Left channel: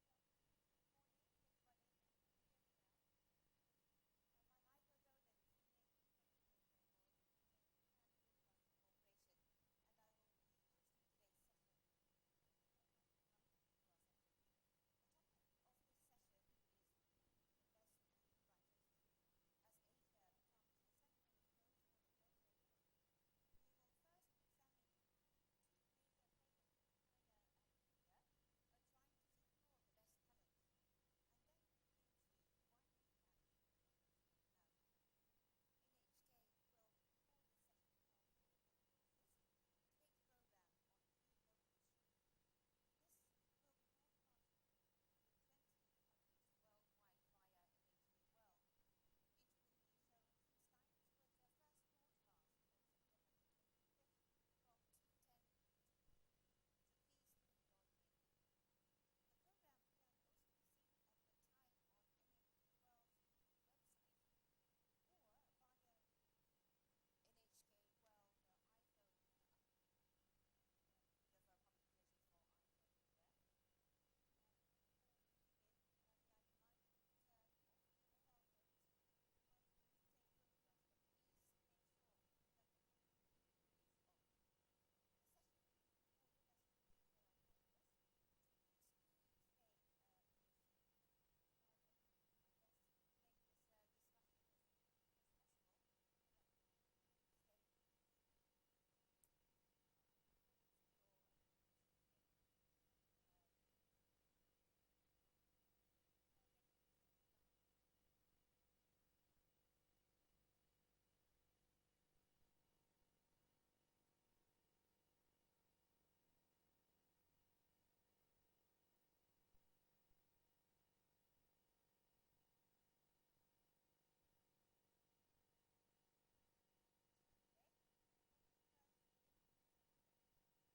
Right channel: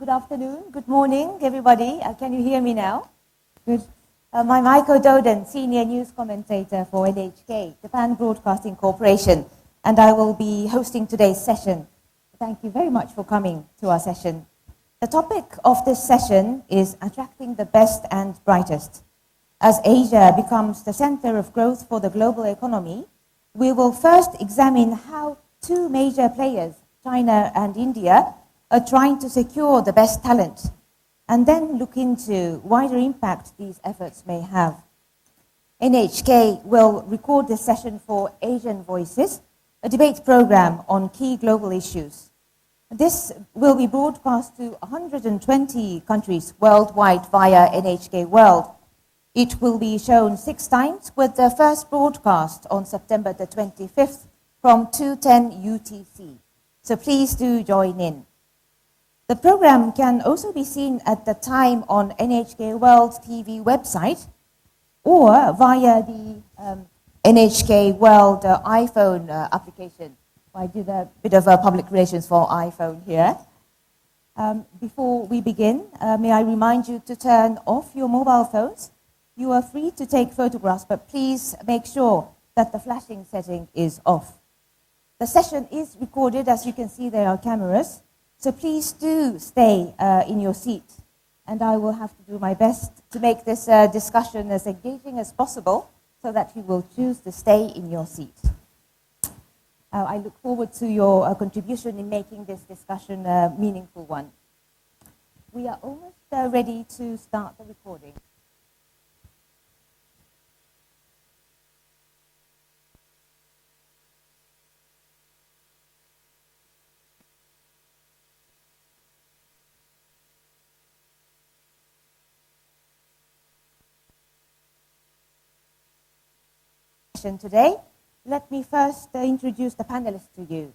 Good afternoon, good morning, everybody. Can you hear me now? Good. I'm Aiko Doden, Senior News Commentator for NHK, Japan Broadcasting Corporation, and I will be hosting today's session. Thank you very much for coming to our session. The topic of this session is attracting the best and brightest. As Asia becomes the center of growth for the global economy, we will first examine how two major players, China and India, are trying to secure the best talent, and then look into wider impact these efforts may have. NHK will record this session for Asian Voices, a debate program on key global issues. This will be broadcast to 120 countries worldwide via NHK World. It will be shown 6 times, with the first broadcast on September the 25th from 2:10 UTC. So please do join in. The program can also be seen at the time on NHK World TV website or via the NHK World iPhone application. I did a bit of public relations for iPhone here. Before we begin, may I remind you to turn off your mobile phones. You are free to take photographs, but please make sure that the flashing setting is off. The session is recorded. As you can see, there are cameras. So please do stay in your seat, and I will have to do my best to make this discussion as engaging as possible so that you will choose to stay in your seat. I look forward to your contribution in making this discussion a meaningful one. We are almost ready to start the recording. Today, let me first introduce the panelists to you.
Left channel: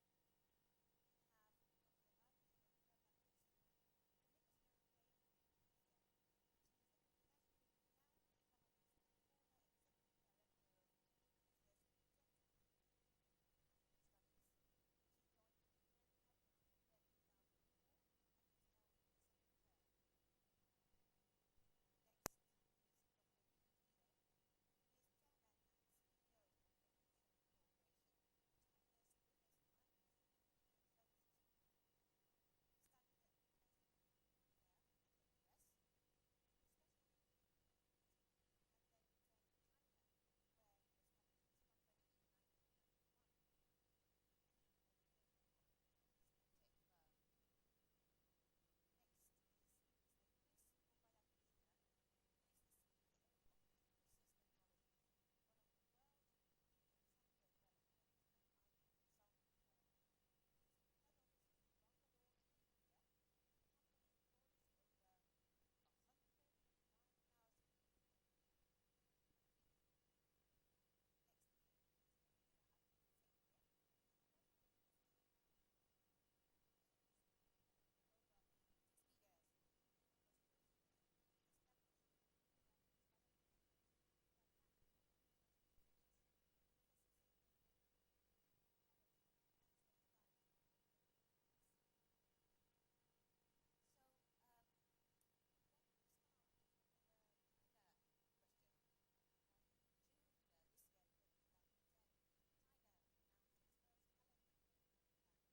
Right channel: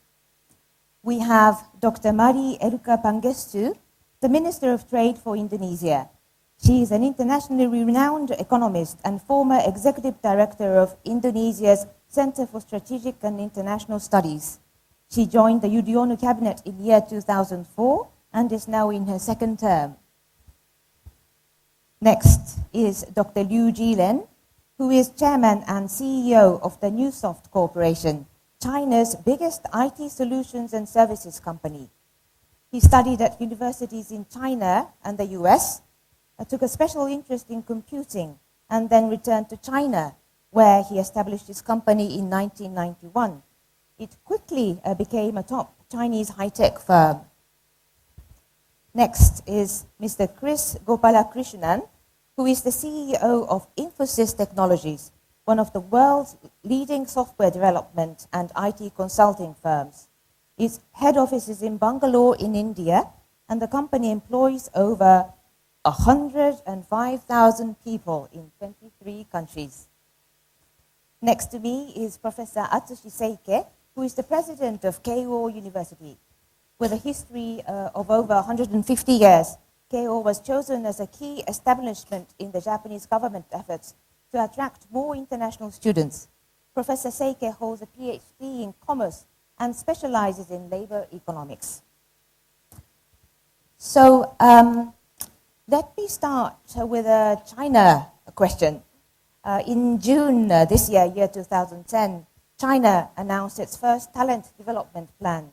We have Dr. Mari Elka Pangestu, the Minister of Trade for Indonesia. She is an internationally renowned economist and former Executive Director of Indonesia's Center for Strategic and International Studies. She joined the Yudhoyono Cabinet in year 2004 and is now in her second term. Next is Dr. Liu Jiren, who is Chairman and CEO of the Newsoft Corporation, China's biggest IT solutions and services company. He studied at universities in China and the US, took a special interest in computing, and then returned to China, where he established his company in 1991. It quickly became a top Chinese high-tech firm. Next is Mr. Kris Gopoalakrishnan, who is the CEO of Infosys Technologies, one of the world's leading software development and IT consulting firms. Its head office is in Bangalore in India, and the company employs over 105,000 people in 23 countries. Next to me is Professor Atsushi Seike, who is the president of Keio University. With a history of over 150 years, Keio was chosen as a key establishment in the Japanese government efforts to attract more international students. Professor Seike holds a PhD in commerce and specializes in labor economics. So let me start with a China question. In June this year, year 2010, China announced its first talent development plan.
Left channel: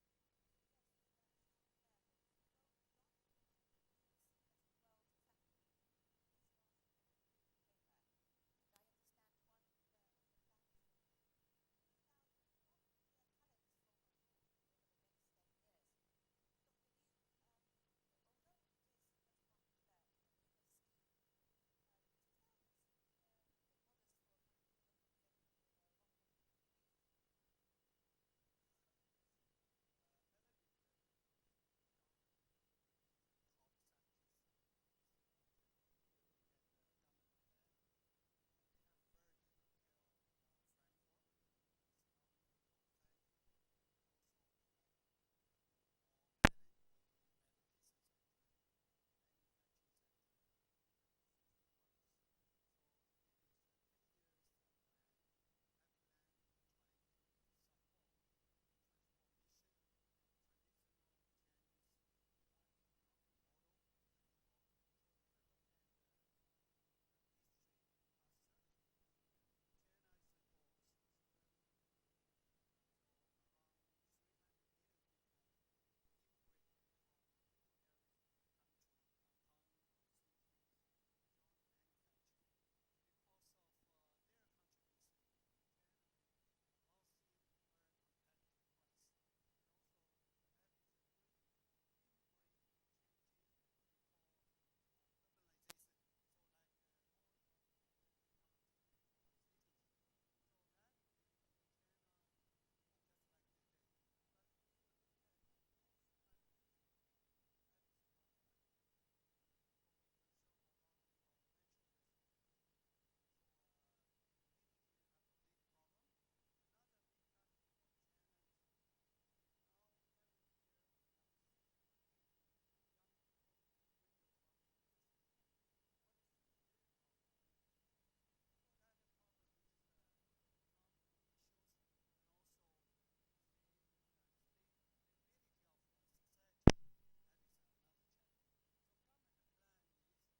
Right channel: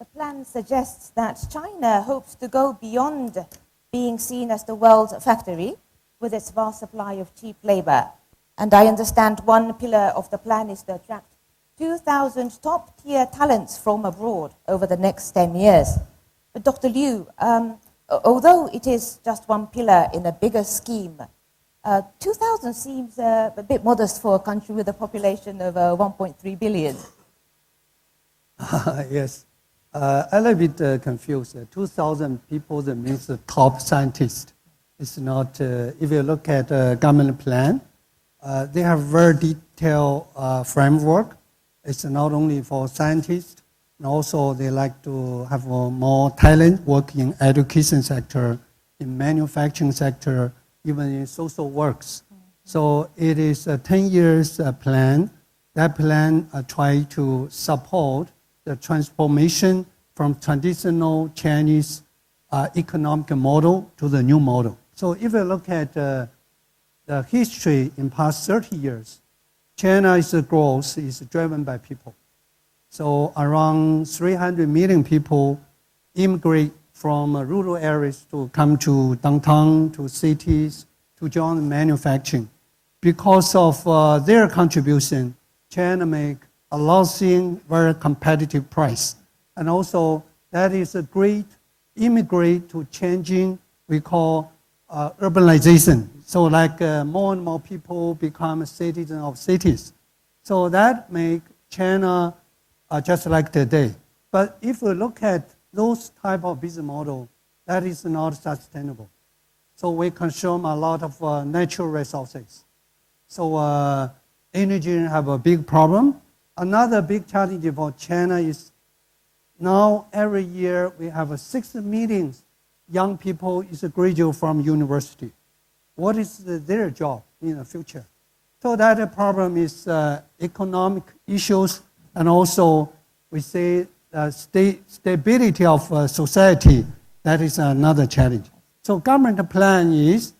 The plan suggests that China hopes to go beyond being seen as the world's factory with its vast supply of cheap labor. And I understand one pillar of the plan is to attract 2,000 top-tier talents from abroad over the next 10 years. But Dr. Liu, although it is just one pillar in a bigger scheme, 2,000 seems a bit modest for a country with a population of 1.3 billion. Yes. I'm a bit confused. 2,000 people, that means the top scientists. It's not, if you look at the government plan, they have very detailed framework. It's not only for scientists, and also they like to have more talent working in education sector, in manufacturing sector, even in social works. So it is a 10 years plan. That plan try to support the transformation from traditional Chinese economic model to the new model. So if you look at the history in past 30 years, China's growth is driven by people. So around 300 million people immigrate from rural areas to come to downtown, to cities, to join manufacturing. Because of their contribution, China make a lot of things very competitive price. And also that is a great immigrate to changing, we call urbanization. So like more and more people become citizens of cities. So that make China just like today. But if we look at those type of business model, that is not sustainable. So we consume a lot of natural resources. So energy have a big problem. Another big challenge for China is now every year we have 6 million young people is graduate from university. What is their job in the future? So that problem is economic issues, and also we say stability of society. That is another challenge. So government plan is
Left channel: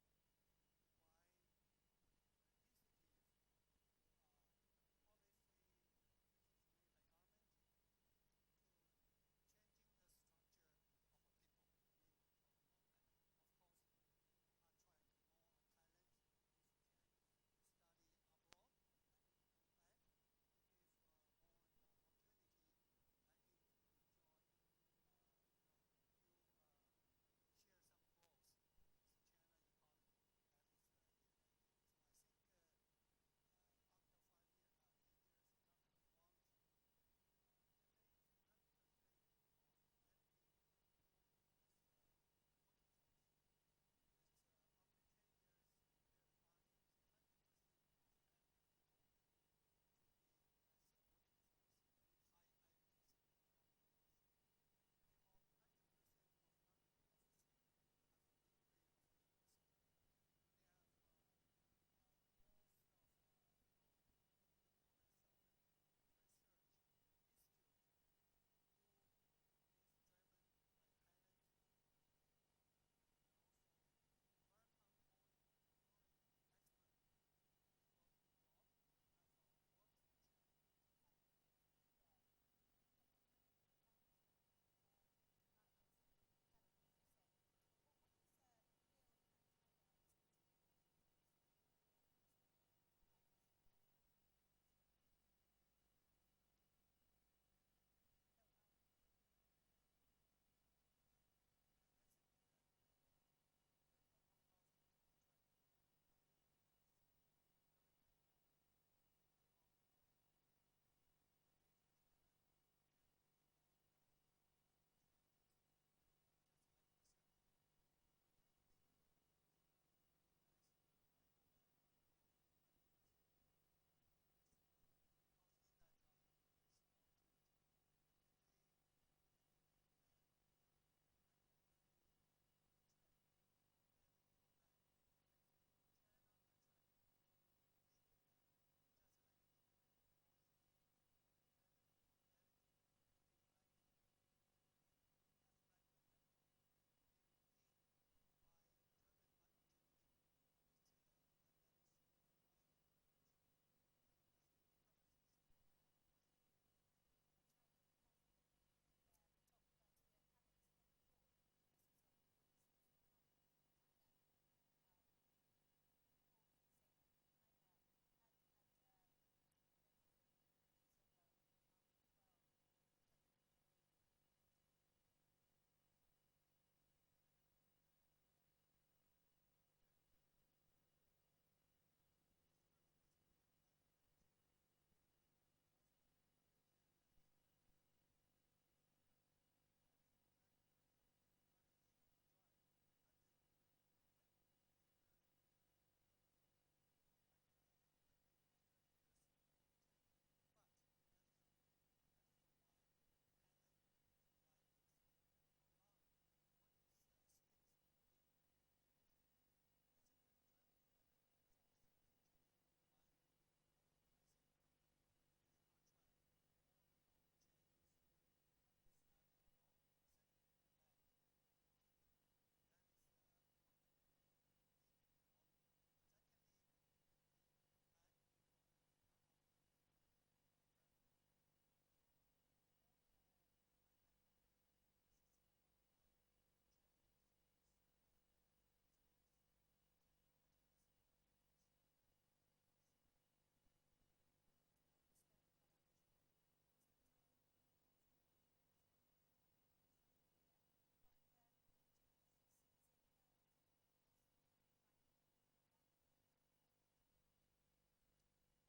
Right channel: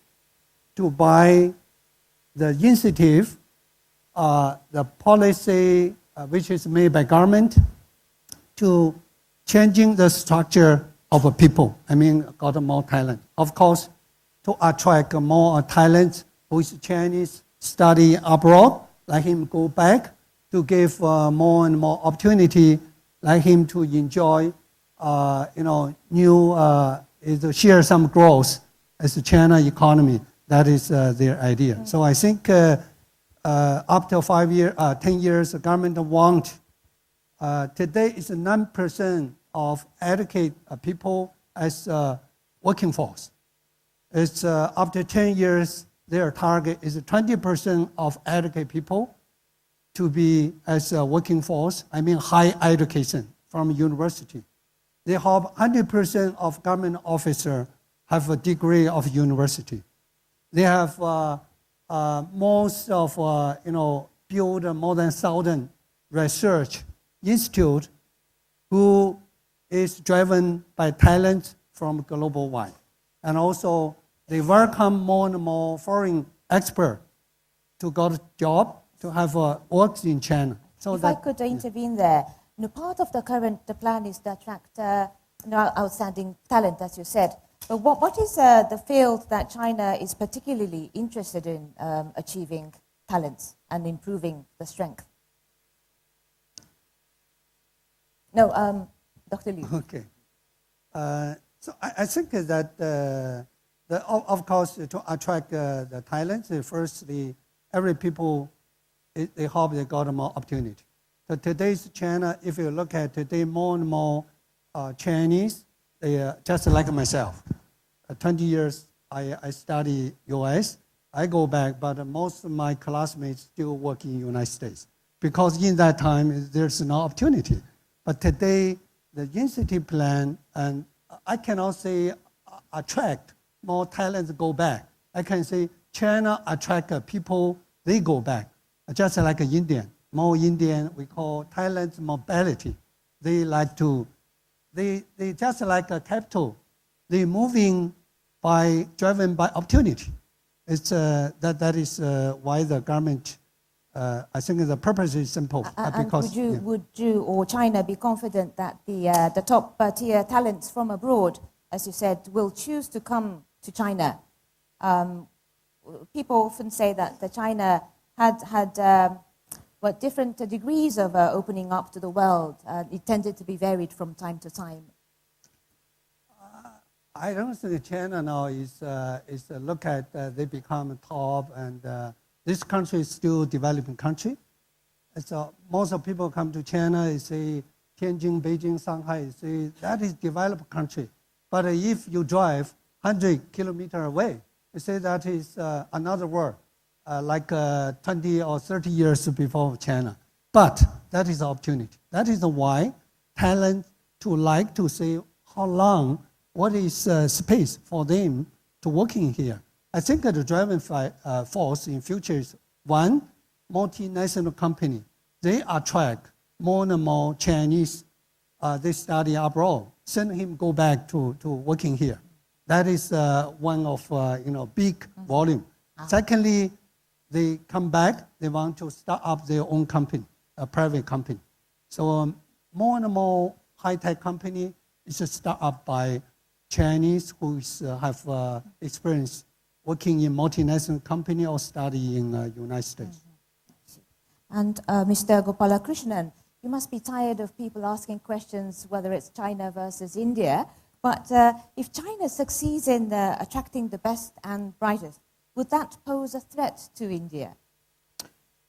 to buy the initiative, the policy which is made by government to changing the structure of a people. I mean, got more talent. Of course, to attract more talent who is Chinese, study abroad, let him go back to give more and more opportunity, like him to enjoy, new, to share some growth as the China economy. That is their idea. Mm-hmm. So I think after 10 years, the government want, today is 9% of educated people as working force. It's after 10 years, their target is 20% of educated people to be as a working force, I mean high education from university. They have 100% of government officers have a degree of university. They have most of, build more than 1,000 research institute who is driven by talent from global wide. And also they welcome more and more foreign experts to get a job, to have works in China. So if I could intervene there, part of the plan is to attract outstanding talent, as you said. But what is the field that China is particularly interested in achieving talents and improving the strength? No, Dr. Liu. Okay. So I think that, of course, to attract the talents, firstly, every people, they hope they got more opportunity. So today's China, if you look at today, more and more Chinese, they just like myself. 20 years I study US. I go back, but most of my classmates still work in the United States because in that time there's no opportunity. But today the institute plan, and I cannot say attract more talents go back. I can say China attract people, they go back. Just like an Indian, more Indian, we call talent mobility. They like to, they just like a capital. They moving driven by opportunity. It's that is why the government, I think the purpose is simple. Because would you or China be confident that the top tier talents from abroad, as you said, will choose to come to China? People often say that China had different degrees of opening up to the world. It tended to be varied from time to time. I don't think China now is look at they become top, and this country is still a developing country. So most of people come to China, they say Tianjin, Beijing, Shanghai, say that is developed country. But if you drive 100 kilometers away, you say that is another world, like 20 or 30 years before China. But that is opportunity. That is why talent to like to say how long, what is space for them to working here. I think the driving force in future is one, multinational company. They attract more and more Chinese, they study abroad. send him go back to working here. That is one of big volume. Secondly, they come back, they want to start up their own company, a private company. So more and more high-tech company is start up by Chinese who have experience working in multinational company or study in United States. And Mr. Gopalakrishnan, you must be tired of people asking questions whether it's China versus India. But if China succeeds in attracting the best and brightest, would that pose a threat to India?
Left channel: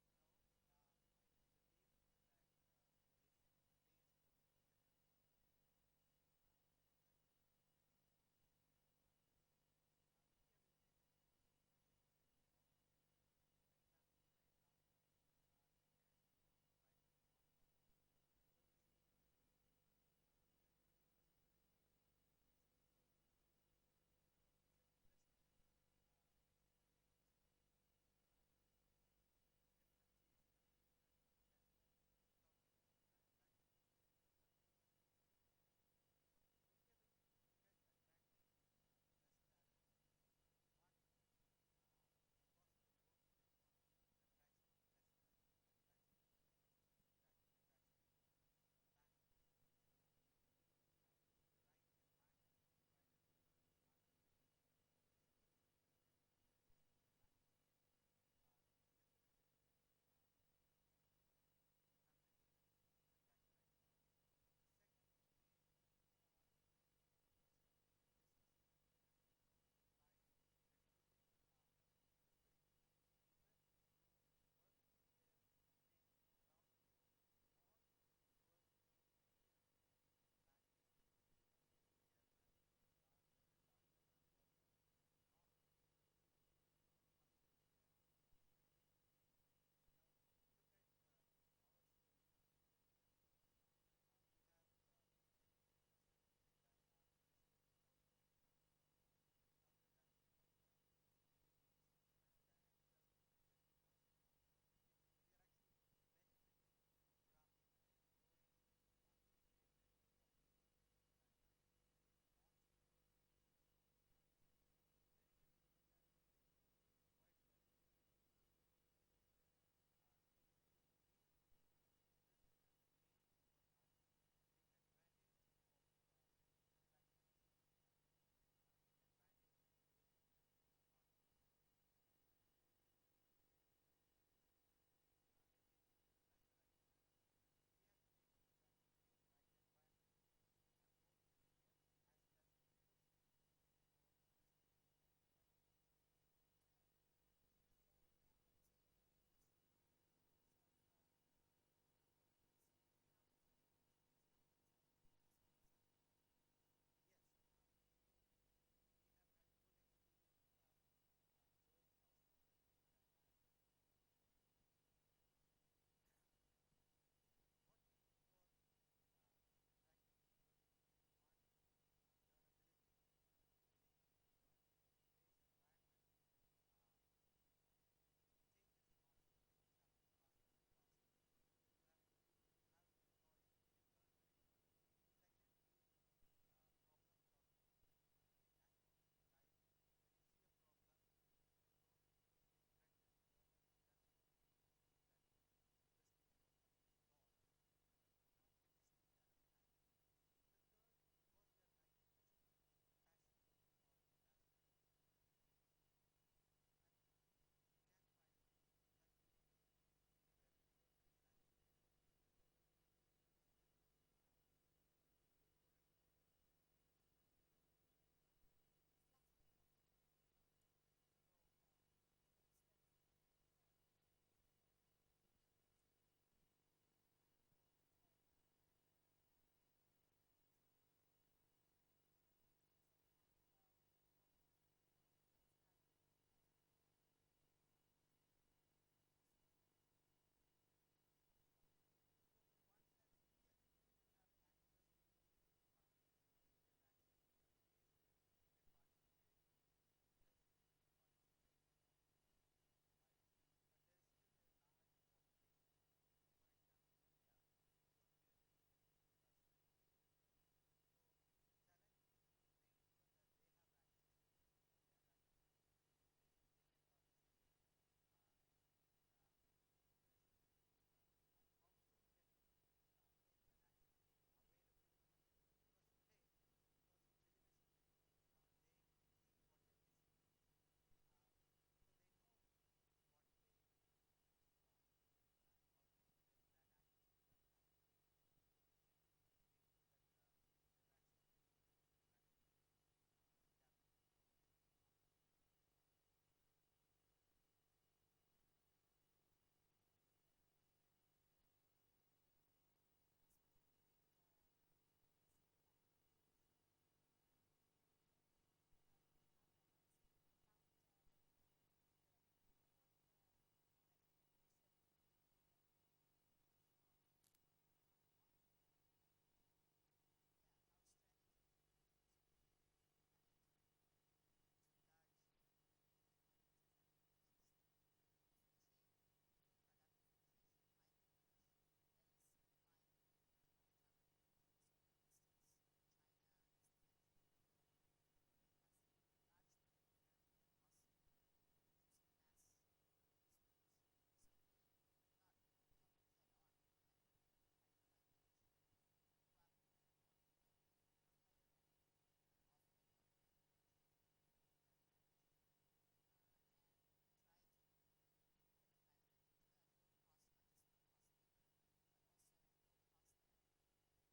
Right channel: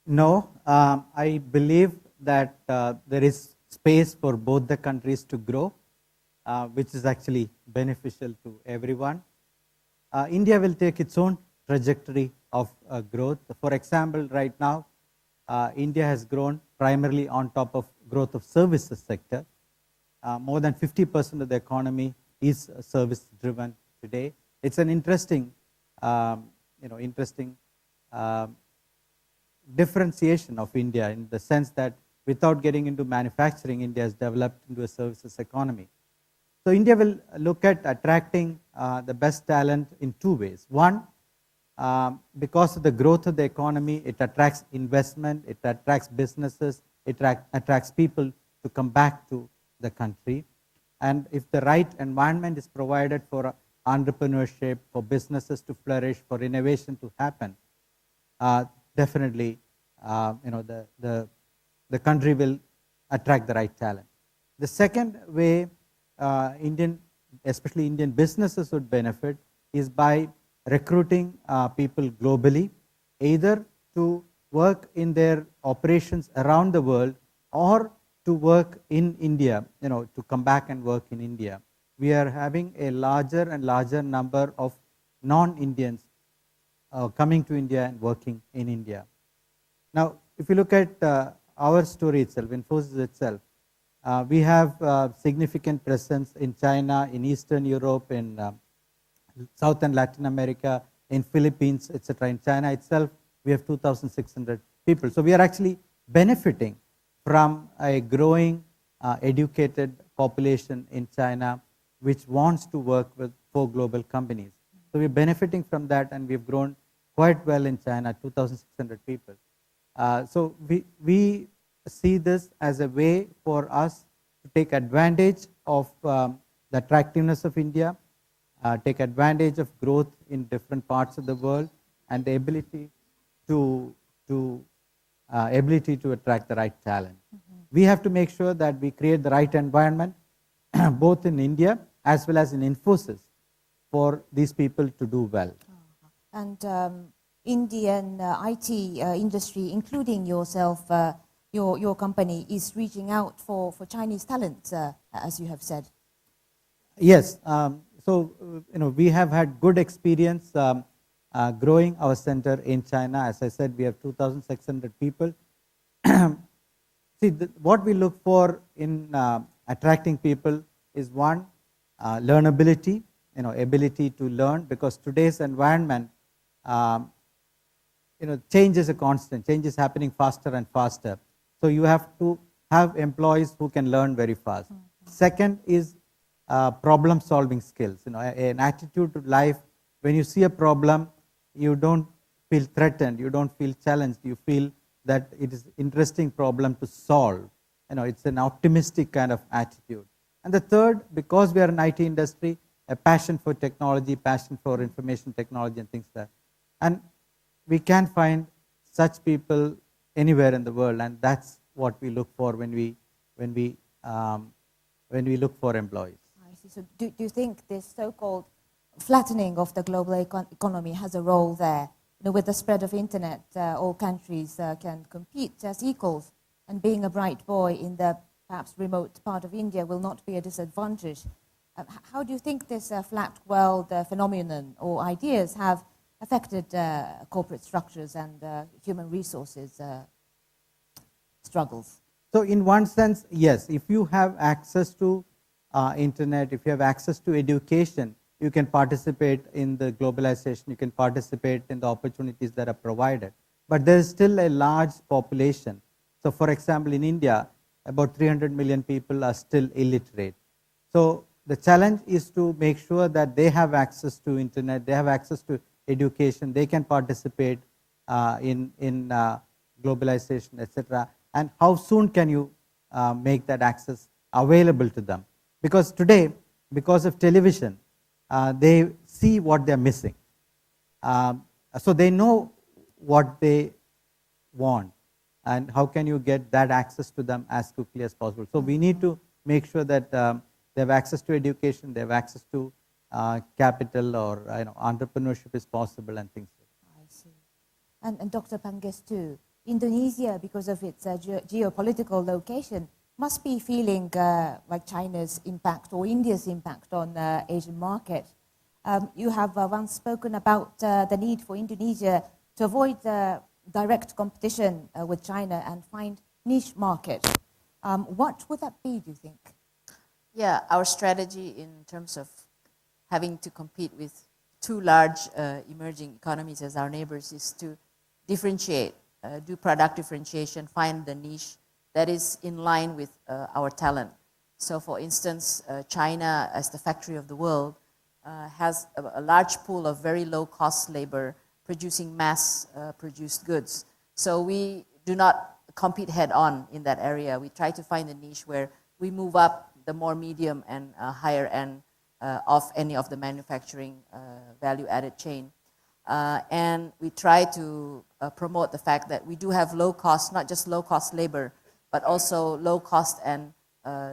No, I believe that there is space for both the countries to grow, which is actually beneficial to everyone. India will take its own trajectory of growth. For example, right now, India has grown primarily on top of growth of services sector. More than 50% of the economy is service-driven today. It's an interesting, differentiation of India in the sense that without getting into manufacturing, India has developed into a services economy. So India will look at attracting the best talent in two ways. One, because of the growth of the economy, it attracts investment, it attracts businesses, it attracts people to come back to the country. And if the right environment is provided for entrepreneurship, for businesses to flourish, for innovation to happen, definitely, the country will attract the right talent. The second way especially Indian businesses would benefit is by recruiting people globally, either to work in their operations around the world or to work in India, to come back and work in India. We are having a larger and larger number of non-Indians coming to India and working in India. Now, if you look at our story itself, Infosys itself, we have significant presence in China, in Eastern Europe, in South and Latin America, in Philippines, etc. In China itself, we have 2,600 people. So we are actually benefiting from a growing educated population in China which wants to work for global companies. So we're benefiting from that, and we've grown quite well in China, 2,600 people. So we see this as a way for us to take advantage of the attractiveness of India, take advantage of growth in different parts of the world, and the ability to attract the right talent. We have to make sure that we create the right environment, both in India as well as in Infosys, for these people to do well. And Indian IT industry, including yourself, your company, is reaching out for Chinese talent, as you have said. Yes. So we have had good experience growing our center in China. As I said, we have 2,600 people. See, what we look for in attracting people is one, learnability, ability to learn, because today's environment, change is a constant. Change is happening faster and faster. So you have to have employees who can learn very fast. Second is problem-solving skills. An attitude to life. When you see a problem, you don't feel threatened. You don't feel challenged. You feel that it is an interesting problem to solve. It's an optimistic kind of attitude. And the third, because we are an IT industry, a passion for technology, passion for information technology and things like that. And we can find such people anywhere in the world, and that's what we look for when we look for employees. I see. So do you think this so-called flattening of the global economy has a role there? With the spread of internet, all countries can compete as equals, and being a bright boy in the perhaps remote part of India will not be a disadvantage. How do you think this flat world phenomenon or ideas have affected corporate structures and human resources struggles? So in one sense, yes, if you have access to internet, if you have access to education, you can participate in the globalization, you can participate in the opportunities that are provided. But there is still a large population. So for example, in India, about 300 million people are still illiterate. So the challenge is to make sure that they have access to internet, they have access to education, they can participate in globalization, etc. And how soon can you make that access available to them? Because today, because of television, they see what they're missing. So they know what they want, and how can you get that access to them as quickly as possible. So we need to make sure that they have access to education, they have access to capital, or entrepreneurship is possible, and things like that. I see. And Dr. Pangestu, Indonesia, because of its geopolitical location, must be feeling like China's impact or India's impact on the Asian market. You have once spoken about the need for Indonesia to avoid direct competition with China and find niche markets. What would that be, do you think? Yeah, our strategy in terms of having to compete with two large emerging economies as our neighbors is to differentiate, do product differentiation, find the niche that is in line with our talent. So for instance, China, as the factory of the world, has a large pool of very low cost labor producing mass produced goods. So we do not compete head on in that area. We try to find a niche where we move up the more medium and higher end of any of the manufacturing value added chain. And we try to promote the fact that we do have low cost, not just low cost labor, but also low cost and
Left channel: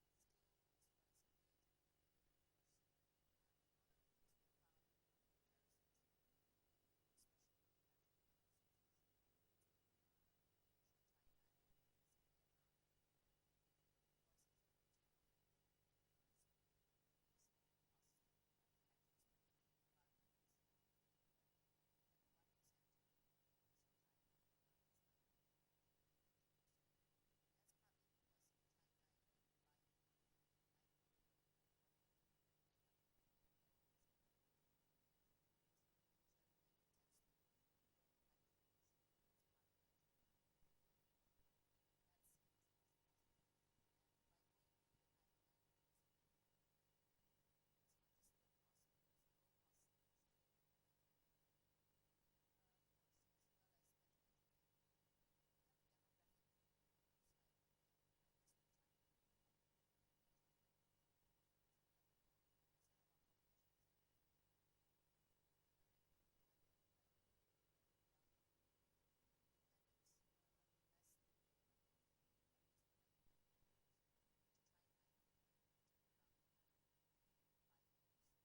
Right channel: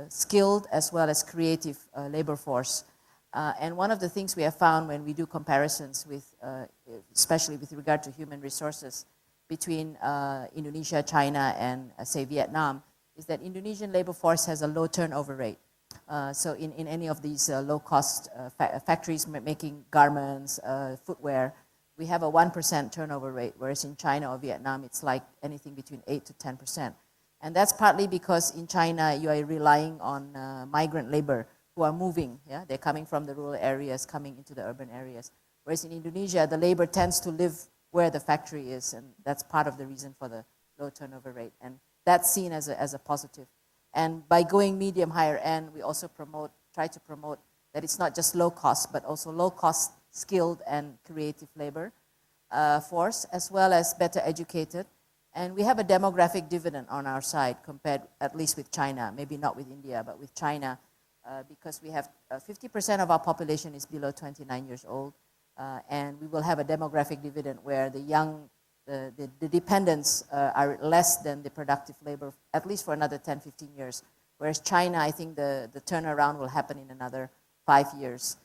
skilled as well as creative labor force. And one of the things we have found when we do comparisons with, especially with regard to human resources between Indonesia, China, and say Vietnam, is that Indonesian labor force has a low turnover rate. So in any of these low-cost factories making garments, footwear, we have a 1% turnover rate, whereas in China or Vietnam, it's like anything between 8 to 10%. And that's partly because in China, you are relying on migrant labor who are moving. Yeah? They're coming from the rural areas, coming into the urban areas. Whereas in Indonesia, the labor tends to live where the factory is, and that's part of the reason for the low turnover rate. And that's seen as a positive. And by going medium higher end, we also try to promote that it's not just low cost, but also low cost skilled and creative labor force, as well as better educated. And we have a demographic dividend on our side compared at least with China, maybe not with India, but with China, because we have 50% of our population is below 29 years old. And we will have a demographic dividend where the dependents are less than the productive labor, at least for another 10, 15 years. Whereas China, I think the turnaround will happen in another 5 years.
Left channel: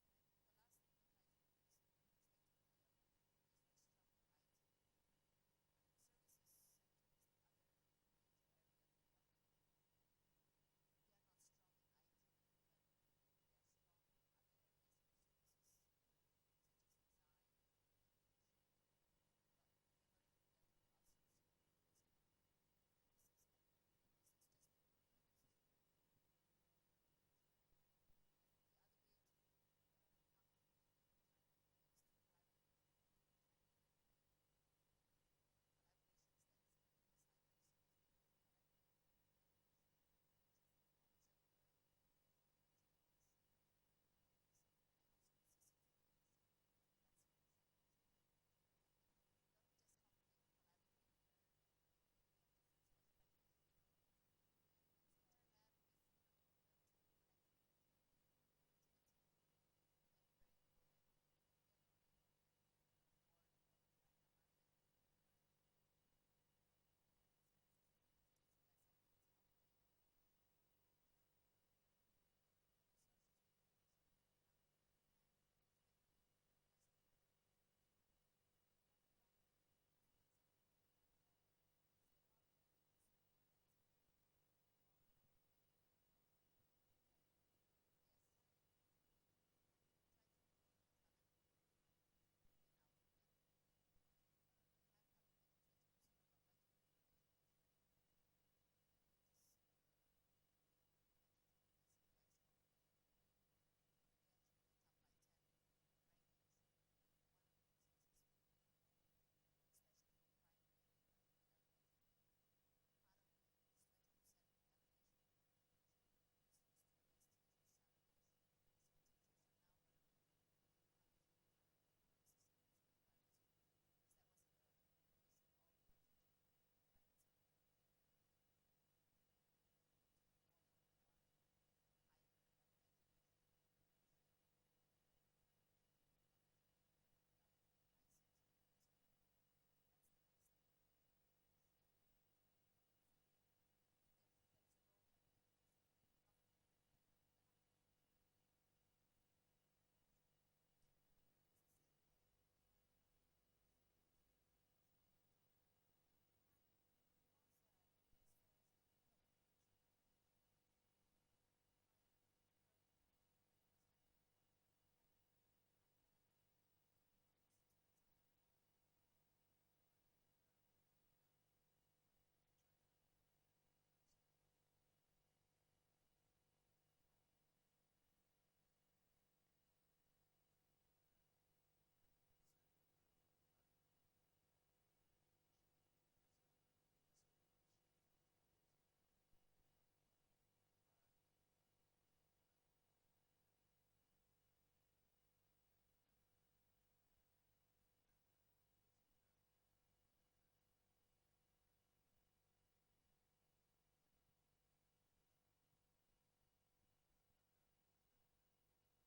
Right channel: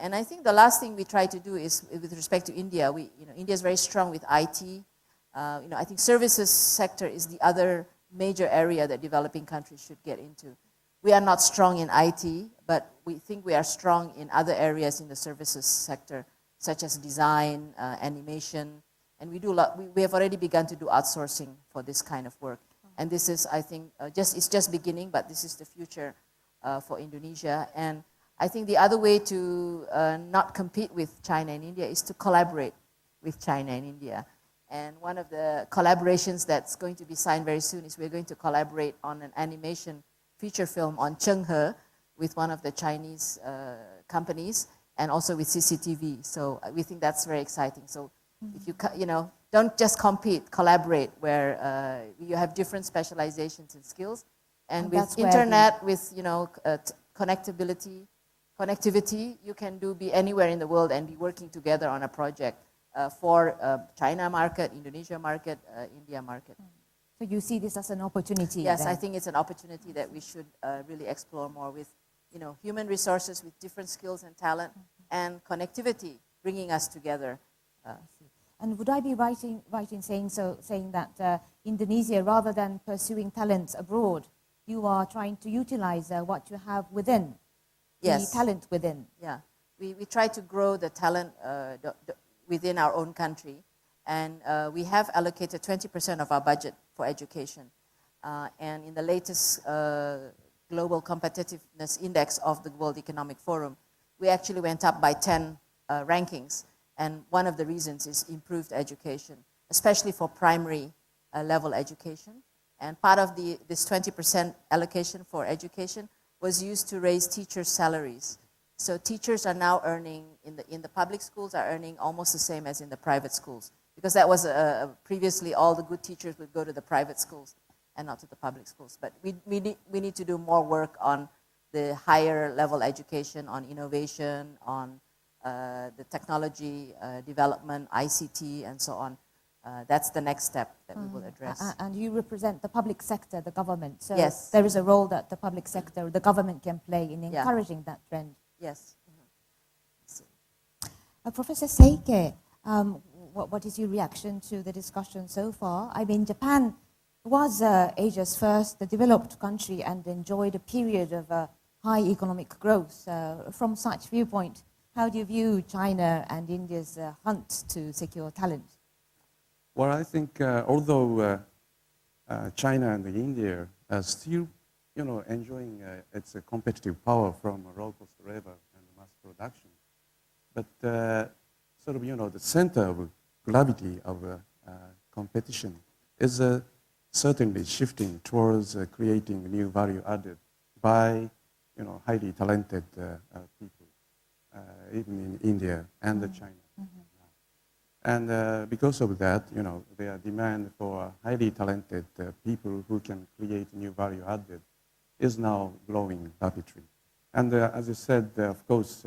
And I think the last thing we try to do is, with respect to India, India is very strong with IT. I think services sector is the other major area that developing countries should get into. We are not strong in IT, but we think we are strong in other areas in the services sector, such as design, animation, and we have already begun to do outsourcing for this kind of work. And this is, I think, it's just beginning, but this is the future for Indonesia. And I think the other way to not compete with China and India is to collaborate with China and India. And one of the collaborations that's going to be signed very soon is we're going to collaborate on an animation feature film on Chenghe with one of the Chinese companies, and also with CCTV. So we think that's very exciting. So if you don't just compete, collaborate, where you have different specializations and skills. And with internet, with connectivity, you can be anywhere in the world and be working together on a project for China market, Indonesia market, India market. So you see this as an opportunity? Yes, then? I think it's an opportunity that we should really explore more with, human resources with different skills and talent, and connectivity bringing us together. And would I be right in saying that Indonesia, rather than pursuing talents abroad, you are trying to utilize what you have within, Yes. the talent within? Yeah, we try to grow the talent within our own country, and we have allocated 20% of our budget for education. And in the latest Global Competitiveness Index of the World Economic Forum, we actually went up by 10 rankings. And one of the reasons is improved education, especially for primary level education. And part of this 20% allocation for education was used to raise teachers' salaries. So teachers are now earning, in the public schools, are earning almost the same as in the private schools. Because that was, previously all the good teachers would go to the private schools and not to the public schools. But we need to do more work on the higher level education, on innovation, on the technology development, ICT, and so on. That's the next step that we will address. And you represent the public sector, the government. So yes. There is a role that the public sector, the government can play in encouraging that trend. Yes. Professor Seike, what is your reaction to the discussion so far? I mean, Japan was Asia's first developed country and enjoyed a period of high economic growth. From such viewpoint, how do you view China and India's hunt to secure talent? Well, I think although China and India are still, enjoying its competitive power from low-cost labor and mass production, but sort of, the center of gravity of competition is certainly shifting towards creating new value added by, highly talented people, even in India and China. And because of that, their demand for highly talented people who can create new value added is now growing rapidly. And as you said, of course,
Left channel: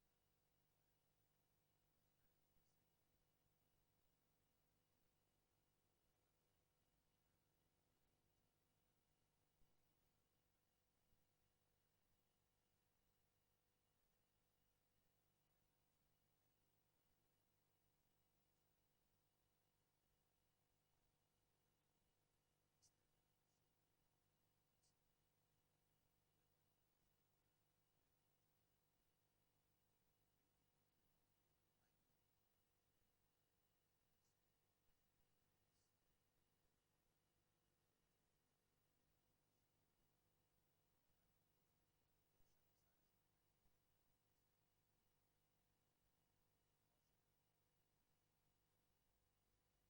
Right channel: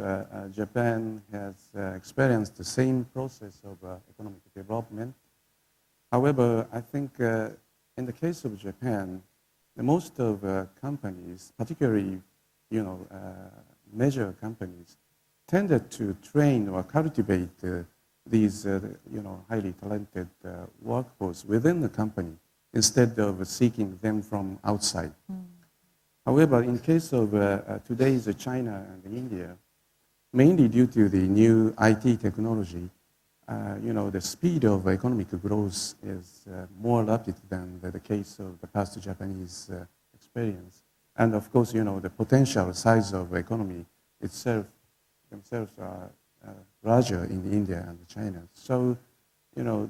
Japan has experienced the same process of economic development. However, I think in the case of Japan, most of companies, particularly, major companies, tended to train or cultivate these, highly talented workforce within the company instead of seeking them from outside. However, in case of today's China and India, mainly due to the new IT technology, the speed of economic growth is more rapid than the case of the past Japanese experience. And of course, the potential size of economy themselves are larger in India and China. So,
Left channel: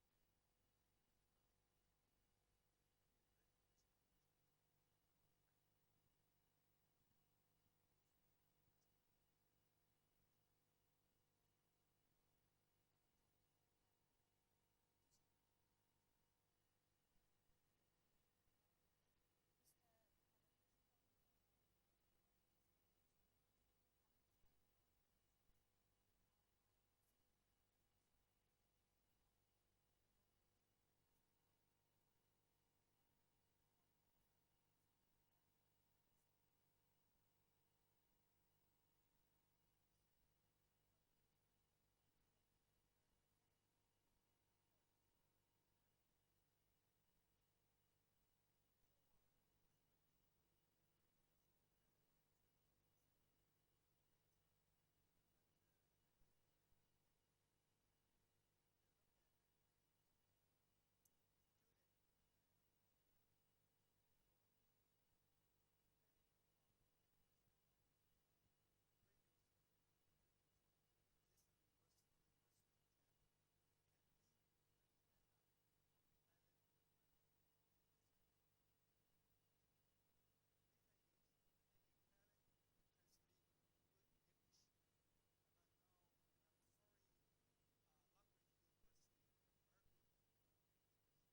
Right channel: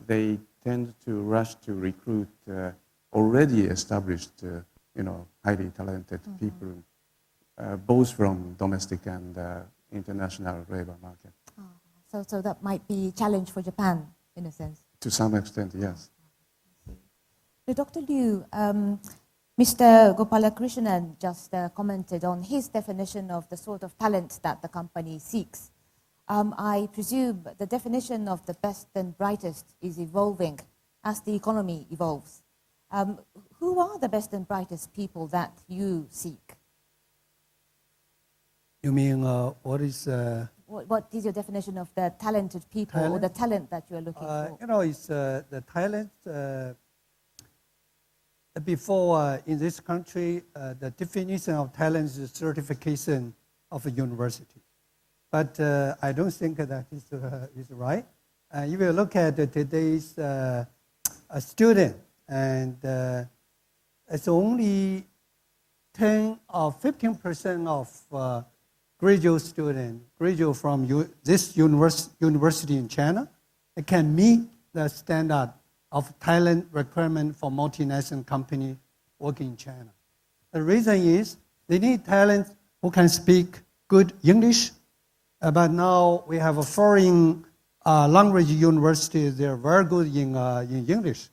they tend to rush to recruit already established, highly talented people, both from domestic and international labor market. So that might be a challenge for Japan, in a sense. To some extent, yes. So Dr. Liu, Mr. Gopalakrishnan just commented on his definition of the sort of talent that the company seeks. I presume the definition of the best and brightest is evolving as the economy evolves. Who are the best and brightest people that you seek? You mean what is... What is your definition of the talented people or the talent that you are looking for? It's the talent. Before, in this country, the definition of talent is certification of a university. But I don't think that is right. If you look at today's student, and it's only 10 or 15% of graduate students graduate from this university in China, it can meet the standard of talent requirement for multinational company working in China. The reason is they need talent who can speak good English, but now we have a foreign language university. They're very good in English,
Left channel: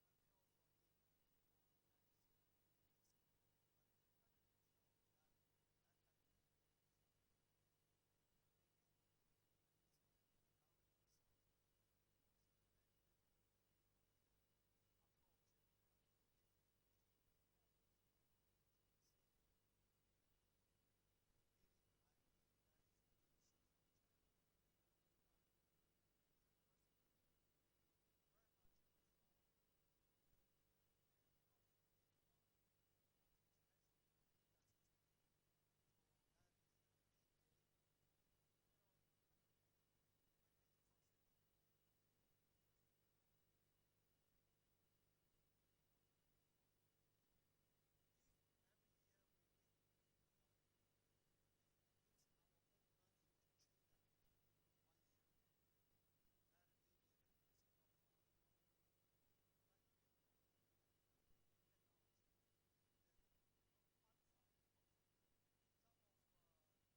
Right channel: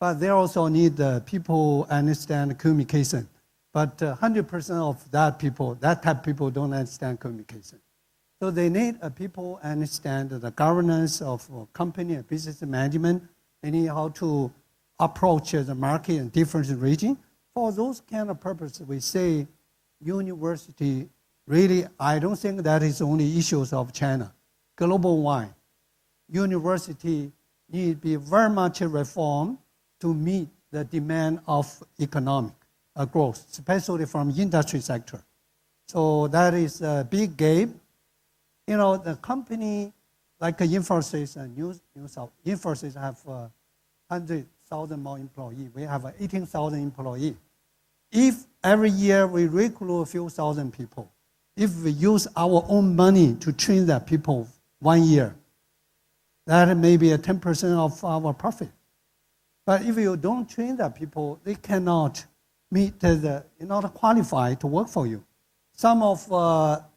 but they also need people understand communication. But 100% of that type of people don't understand communication. So they need people understand the governance of a company and business management. They need how to approach the market in different regions. For those kind of purposes, we say university, really, I don't think that is only issues of China. Global-wide, university need to be very much reformed to meet the demand of economic growth, especially from industry sector. So that is a big gap. The company like Infosys and Infosys have 100,000 more employees. We have 18,000 employees. If every year we recruit a few thousand people, if we use our own money to train that people 1 year, that may be 10% of our profit. But if you don't train that people, they cannot meet not qualified to work for you. Some of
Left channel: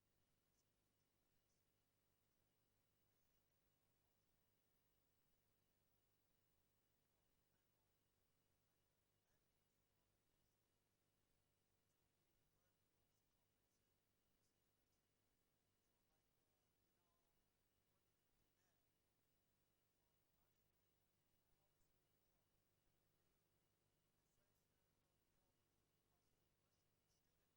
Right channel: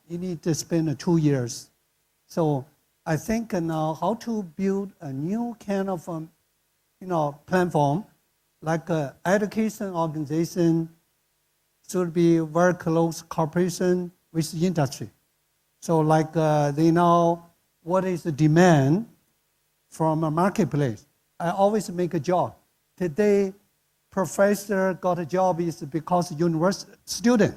you need to spend 2 years. So I think now how to build a new kind of platform, like education organization should be very close cooperation with industry. So like they know what is the demand from a marketplace. I always make a job. Today, professor got a job is because university student.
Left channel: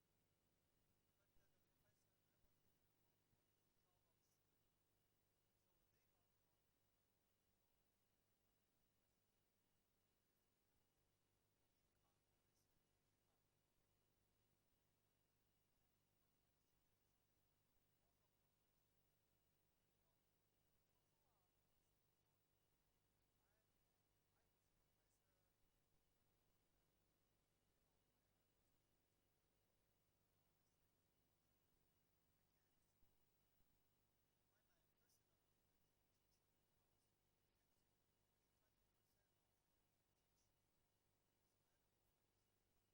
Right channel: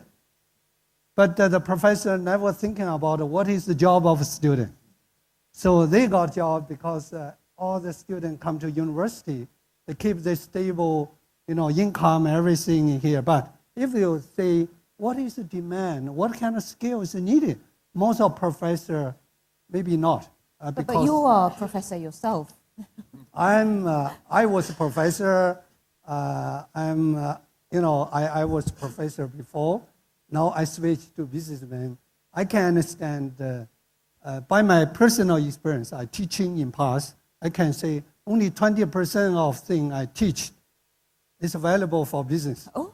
But the professor never thinking about what is the job of a student. So they got job because all the students come to university. They keep the stable, income, everything here. But if you say, what is the demand? What kind of skill is needed? Most of professor, maybe not. But you are a professor yourself. I was a professor. I was a professor before. Now I switched to businessman. I can understand by my personal experience, I teaching in past, I can say only 20% of thing I teach is available for business. Oh.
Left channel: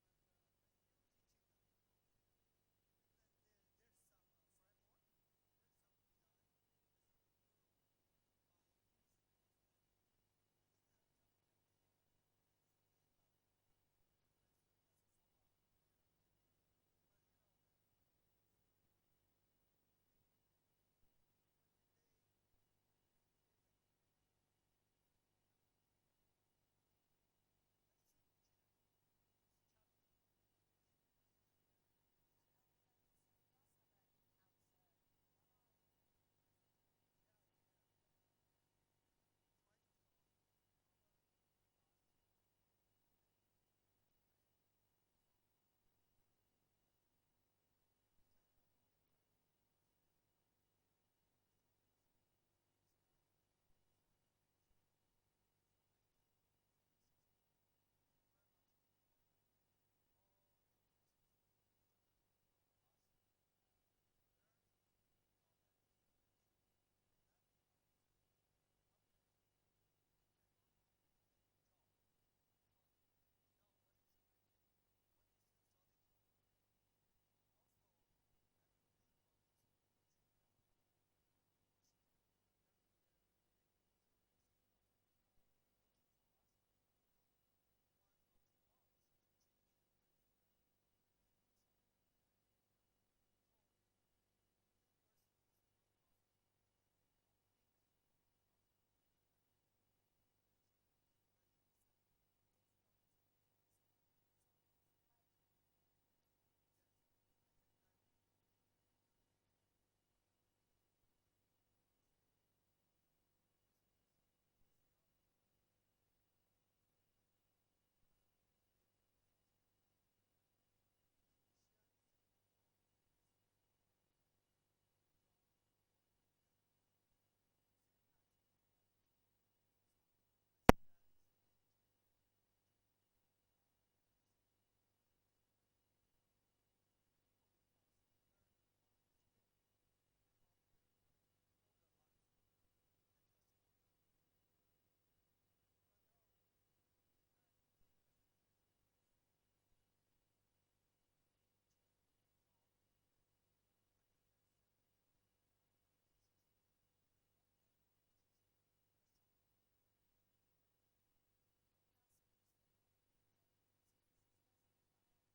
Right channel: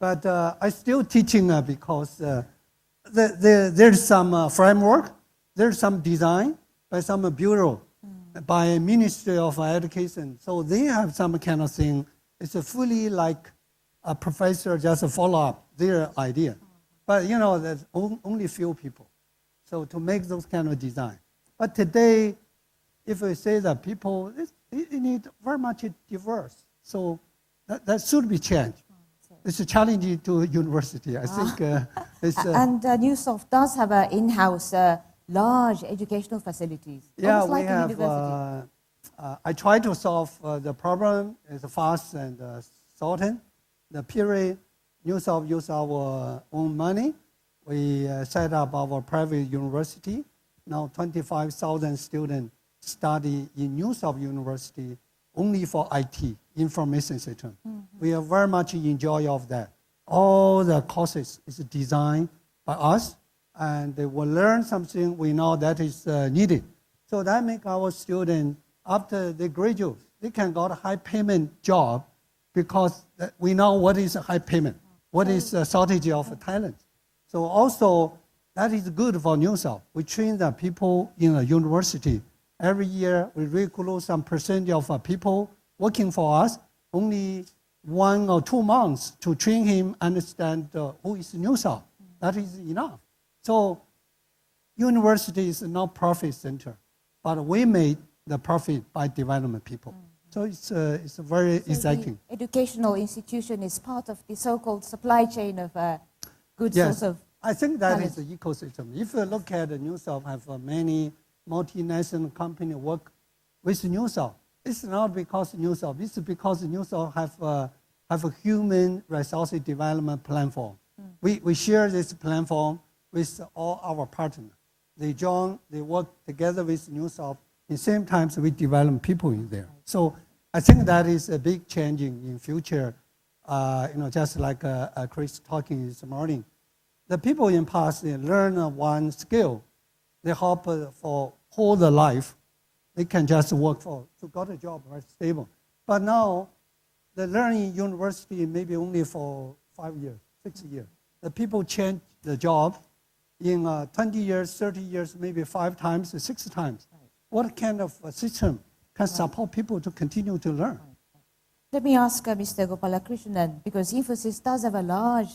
But I still teaching because there's some framework, there's some design by some bureau, by Ministry of Education. So they have some kind of thing. It's a fully like a professor just follow up their idea. But there's only few people. So to make those kind of design. But today, if we say that people, it need very much diverse. So that should be changed. It's a challenge to university. I think it's... and Newsoft does have an in-house large educational facilities. Yeah, like we a have... university. I try to solve the problem as fast and certain. The period, Newsoft use our own money. We set up our private university. Now 25,000 students study in Newsoft University only for IT, information system. We are very much enjoy of that. All the courses is designed by us, and they will learn something we know that is needed. So that make our students, after they graduate, they can got a high payment job because we know what is a high payment, what is a shortage of talent. So also, that is good for Newsoft. We train the people in a university. Every year, we recruit some percentage of people working for us, only 1 or 2 months to train him, understand who is Newsoft. That is enough. So university is not profit center, but we made the profit by development people. So it's very exciting. The educational institution is part of the so-called supply chain of good source of I think that talent. is the ecosystem. If you look at Newsoft, have many multinational companies work with Newsoft. It's not because Newsoft. It's because Newsoft have a human resources development platform. We share this platform with all our partners. They join, they work together with Newsoft. At the same time, we develop people in there. So I think that is a big change in future. Just like Kris talking this morning. The people in past, they learn one skill. They hope for whole the life. They can just work to got a job, right, stable. But now, the learning university maybe only for 5 years, 6 years. The people change the job in 20 years, 30 years, maybe 5 times, 6 times. What kind of system can support people to continue to learn? Let me ask Mr. Gopoalakrishnan, because Infosys does have a large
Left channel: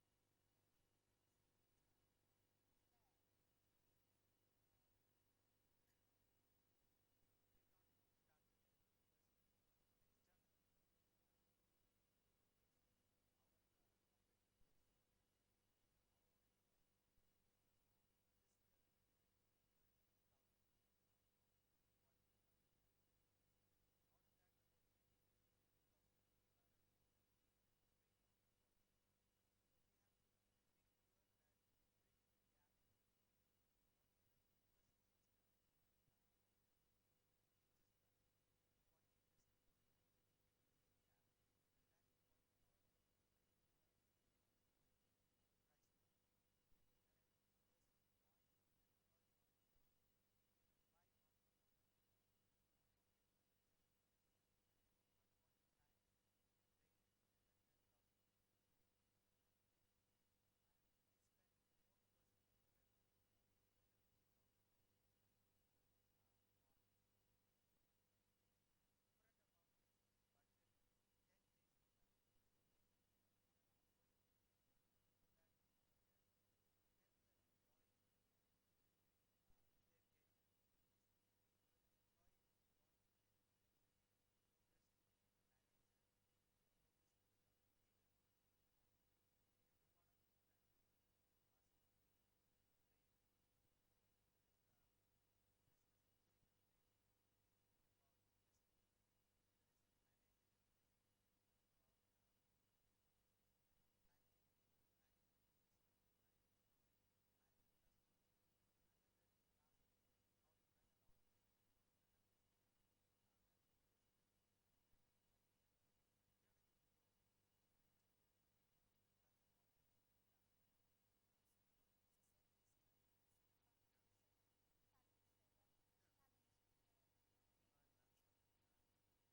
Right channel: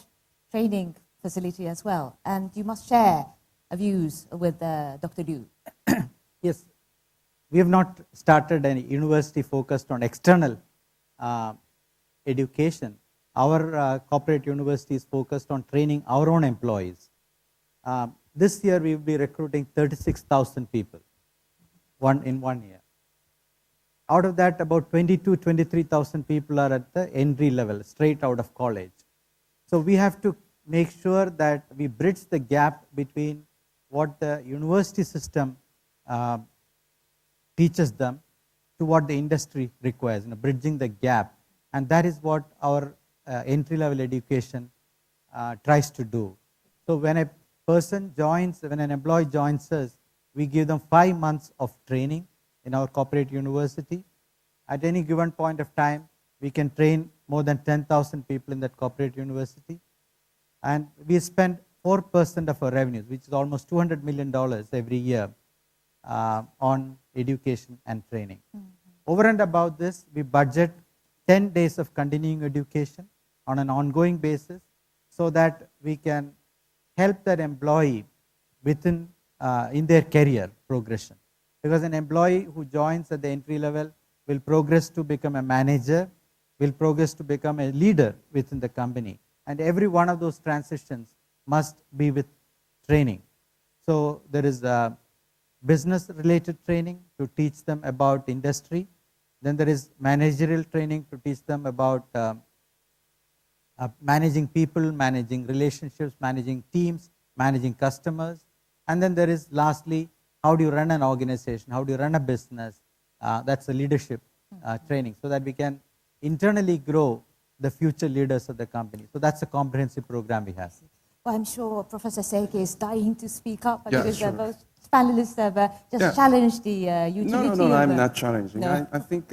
training facility as well, and you must share views with Dr. Liu. Yes, we have not started any university focused on external education. Our corporate university is focused on training our own employees. This year we will be recruiting 36,000 people in 1 year. Out of that, about 23,000 people are at the entry level, straight out of college. So we have to make sure that we bridge the gap between what the university system teaches them to what the industry requires, bridging the gap. And that is what our entry-level education tries to do. So when a person joins, when an employee joins us, we give them 5 months of training in our corporate university. At any given point of time, we can train more than 10,000 people in that corporate university. And we spend 4% of our revenues, which is almost $200 million every year, on education and training. Over and above this, we budget 10 days of continuing education on an ongoing basis so that we can help that employee within in their career progression. Because an employee who joins at the entry level will progress to become a manager, will progress to become a leader within the company. And every one of those transitions must be with training. So there is business related training to teach them about industry. Then there is managerial training to teach them about managing people, managing relationships, managing teams, managing customers. And then there is lastly, how do you run an organization? How do you run a business? That's a leadership training, so that we can internally grow the future leaders of the company. So that's a comprehensive program we have. Well, I'm sure Professor Seike is dying to speak up, Yeah, because sure. both panelists have just challenged the utility No, of... I'm not challenging. No. I think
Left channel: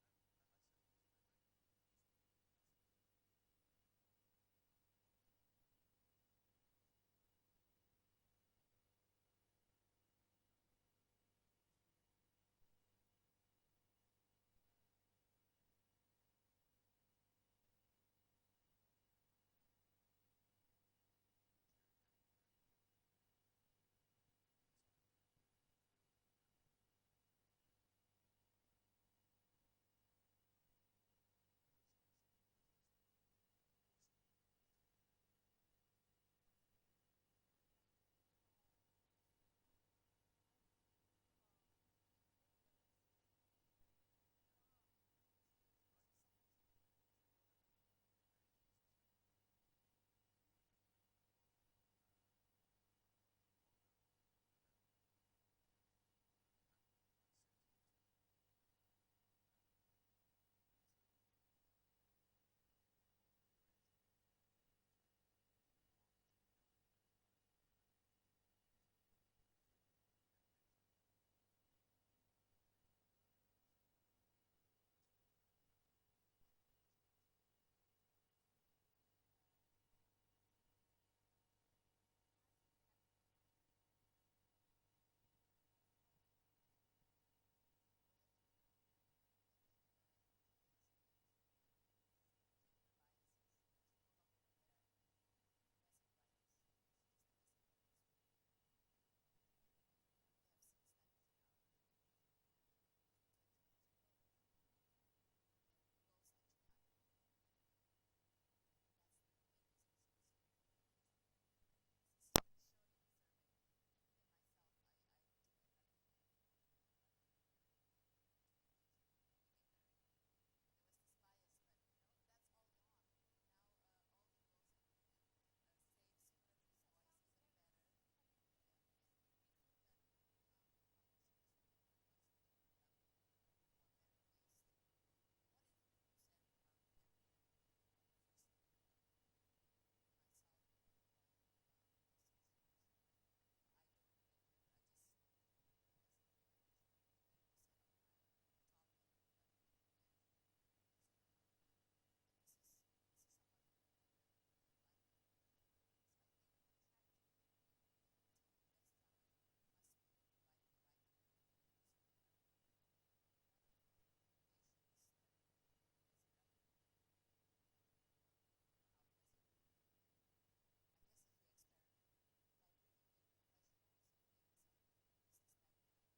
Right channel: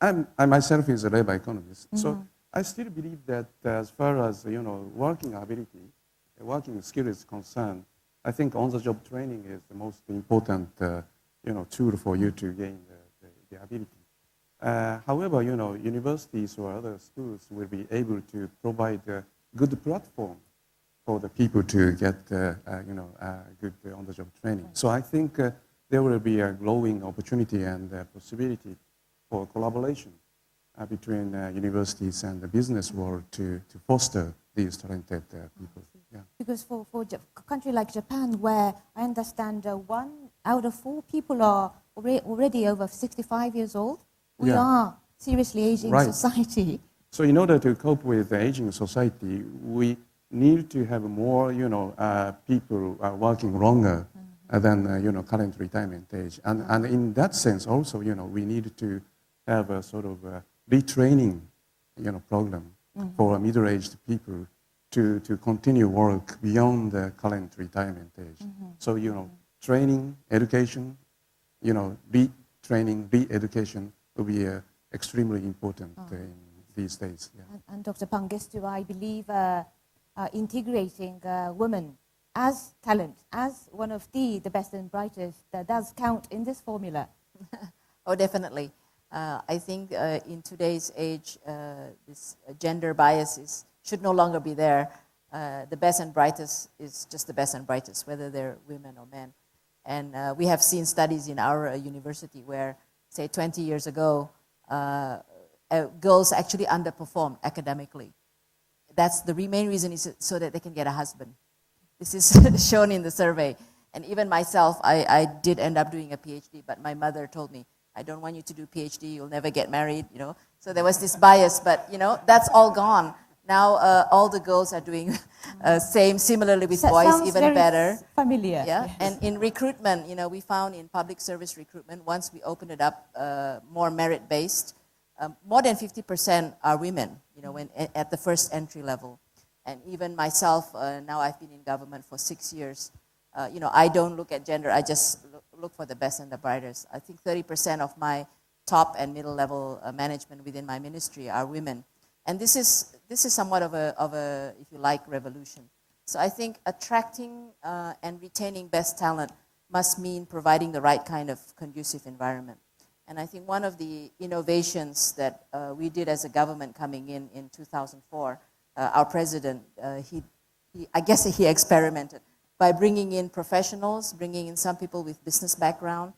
I myself is a labor economist, so I still believe that as far as working ability, working skill is concerned, I think on-the-job training is the most important tool for you to gain the ability. However, universities or other schools will be able to provide a good platform for the people to get good on-the-job training. So I think there will be a growing opportunity and possibility for collaboration between universities and the business world to foster these talented people. Yeah. Because for a country like Japan, where I understand 1 out of 4 people are already over 65 years old, we are seriously aging society. So in order to cope with the aging society, we need to have more, people working longer than, current retirement age. And in that sense also, we need to have a sort of retraining, program for middle-aged people to continue work beyond the current retirement age. So, training, education, retraining, re-education will be extremely important in these days. Yeah. And Dr. Pangestu, I believe integrating women as talent, as one of the best and brightest, does count in this formula. Oh, definitely. I think in today's age, this gender biases should no longer be there. The best and brightest is just the best and brightest, whether they're women or men. And we have seen studies in our university where, say, 20 years ago, girls actually underperformed academically. That's the main reason, is so that they can get a husband. This is shown in the survey. And even myself, I did end up doing a PhD, but my mother told me, I don't want you to do PhD, you'll never get married, So there was this bias, but, that's all gone. Now all the girls are doing similarly with boys, Sounds even very better. Familiar. Yeah, Yes. and in recruitment, we found in public service recruitment, once we opened it up more merit-based, more than 50% are women, when at the first entry level. And even myself, now I've been in government for 6 years. I don't look at gender, I just look for the best and the brightest. I think 30% of my top and middle level management within my ministry are women. And this is somewhat of a, if you like, revolution. So I think attracting and retaining best talent must mean providing the right kind of conducive environment. And I think one of the innovations that we did as a government coming in 2004, our president, I guess he experimented by bringing in professionals, bringing in some people with business background.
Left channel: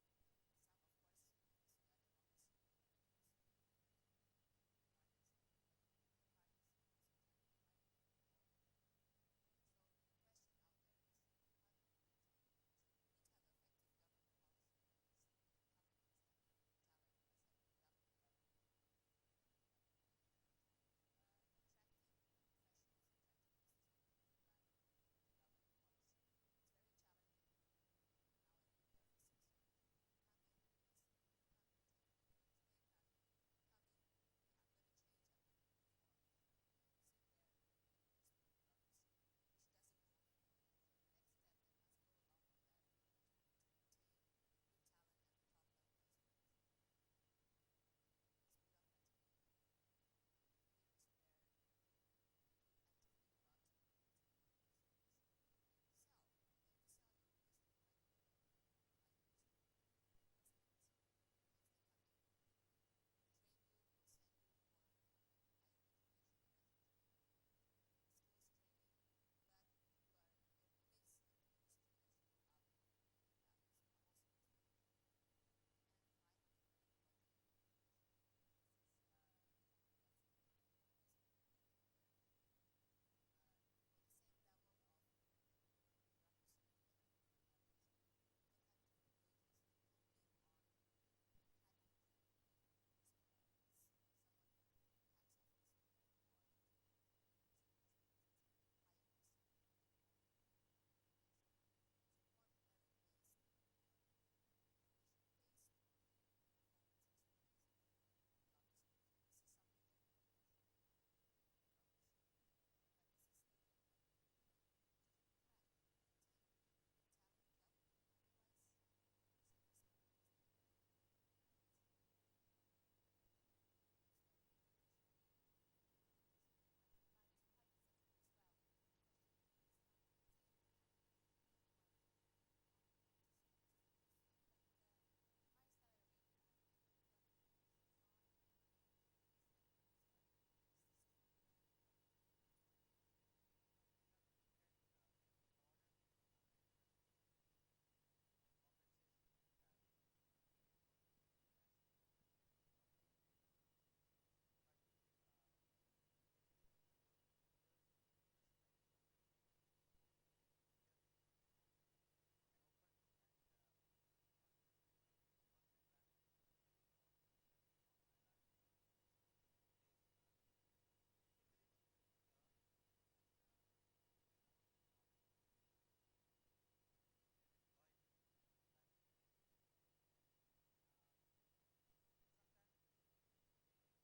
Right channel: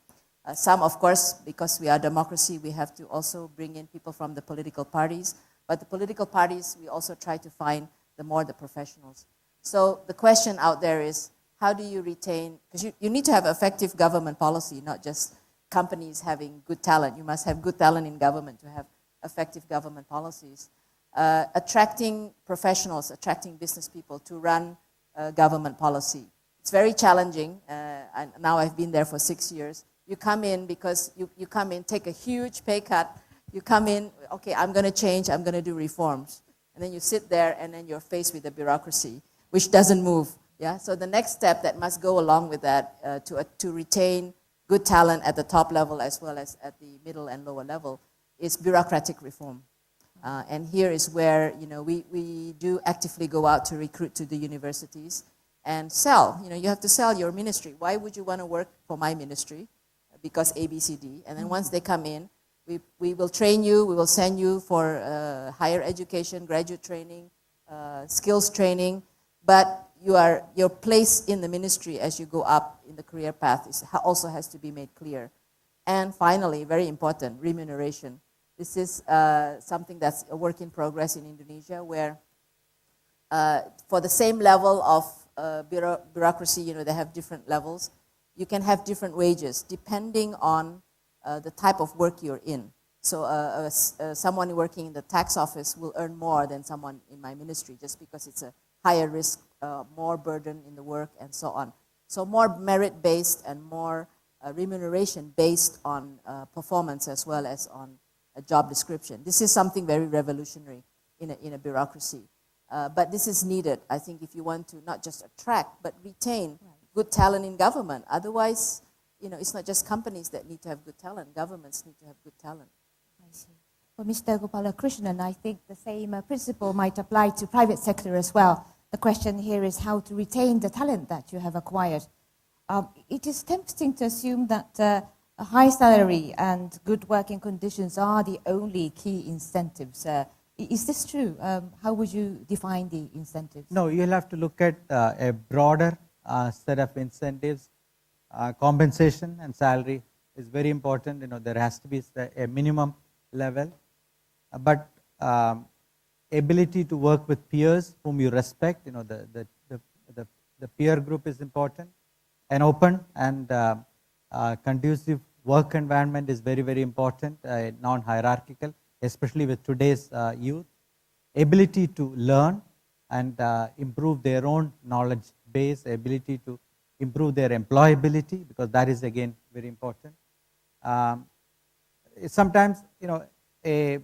Some, of course, because we are democracy, we have to also bring in people from the political parties. But the political parties, we also try to find the professionals. So the question out there is, how do you retain, because you need to have effective government policy, not just companies having good talent. You must have good talent in government to have effective government policies. Attracting professionals, attracting business people to run government policy. It's very challenging, and now I've been there for 6 years. You come in because you come in, take a huge pay cut. You come in, okay, I'm going to change, I'm going to do reforms. And then you sit there and then you're faced with the bureaucracy, which doesn't move. Yeah. So the next step that must go along with that to retain good talent at the top level as well as at the middle and lower level is bureaucratic reform. And here is where we do actively go out to recruit to the universities. and sell. You have to sell your ministry. Why would you want to work for my ministry? Because A, B, C, D. And then once they come in, we will train you, we will send you for higher education, graduate training, skills training, but your place in the ministry as you go up in the career path also has to be made clear. And finally, very important, remuneration. This is something that's a work in progress in Indonesia, where for the same level of bureaucracy, they have different levels. You can have different wages depending on the type of work you're in. So someone working in the tax office will earn more than someone in my ministry, just because it's a higher risk, more burden in the work, and so on. So more merit-based and more remuneration based on performance as well as on a job description. This is something very revolutionary in a bureaucracy. But this is needed, I think, if you want to not just attract, but retain good talent in government. Otherwise, it's not just companies that need to have good talent. Governments need to have good talent. I see. For Mr. Gopoalakrishnan, I think the same principle might apply to private sector as well. The question here is how to retain the talent that you have acquired. It is tempting to assume that a high salary and good working conditions are the only key incentives. Is this true? How would you define the incentives? No, you'll have to look at a broader set of incentives. Compensation and salary is very important. There has to be a minimum level, but ability to work with peers whom you respect. The peer group is important. An open and conducive work environment is very, very important. Non-hierarchical, especially with today's youth. Ability to learn and improve their own knowledge base. Ability to improve their employability, because that is again very important. Sometimes a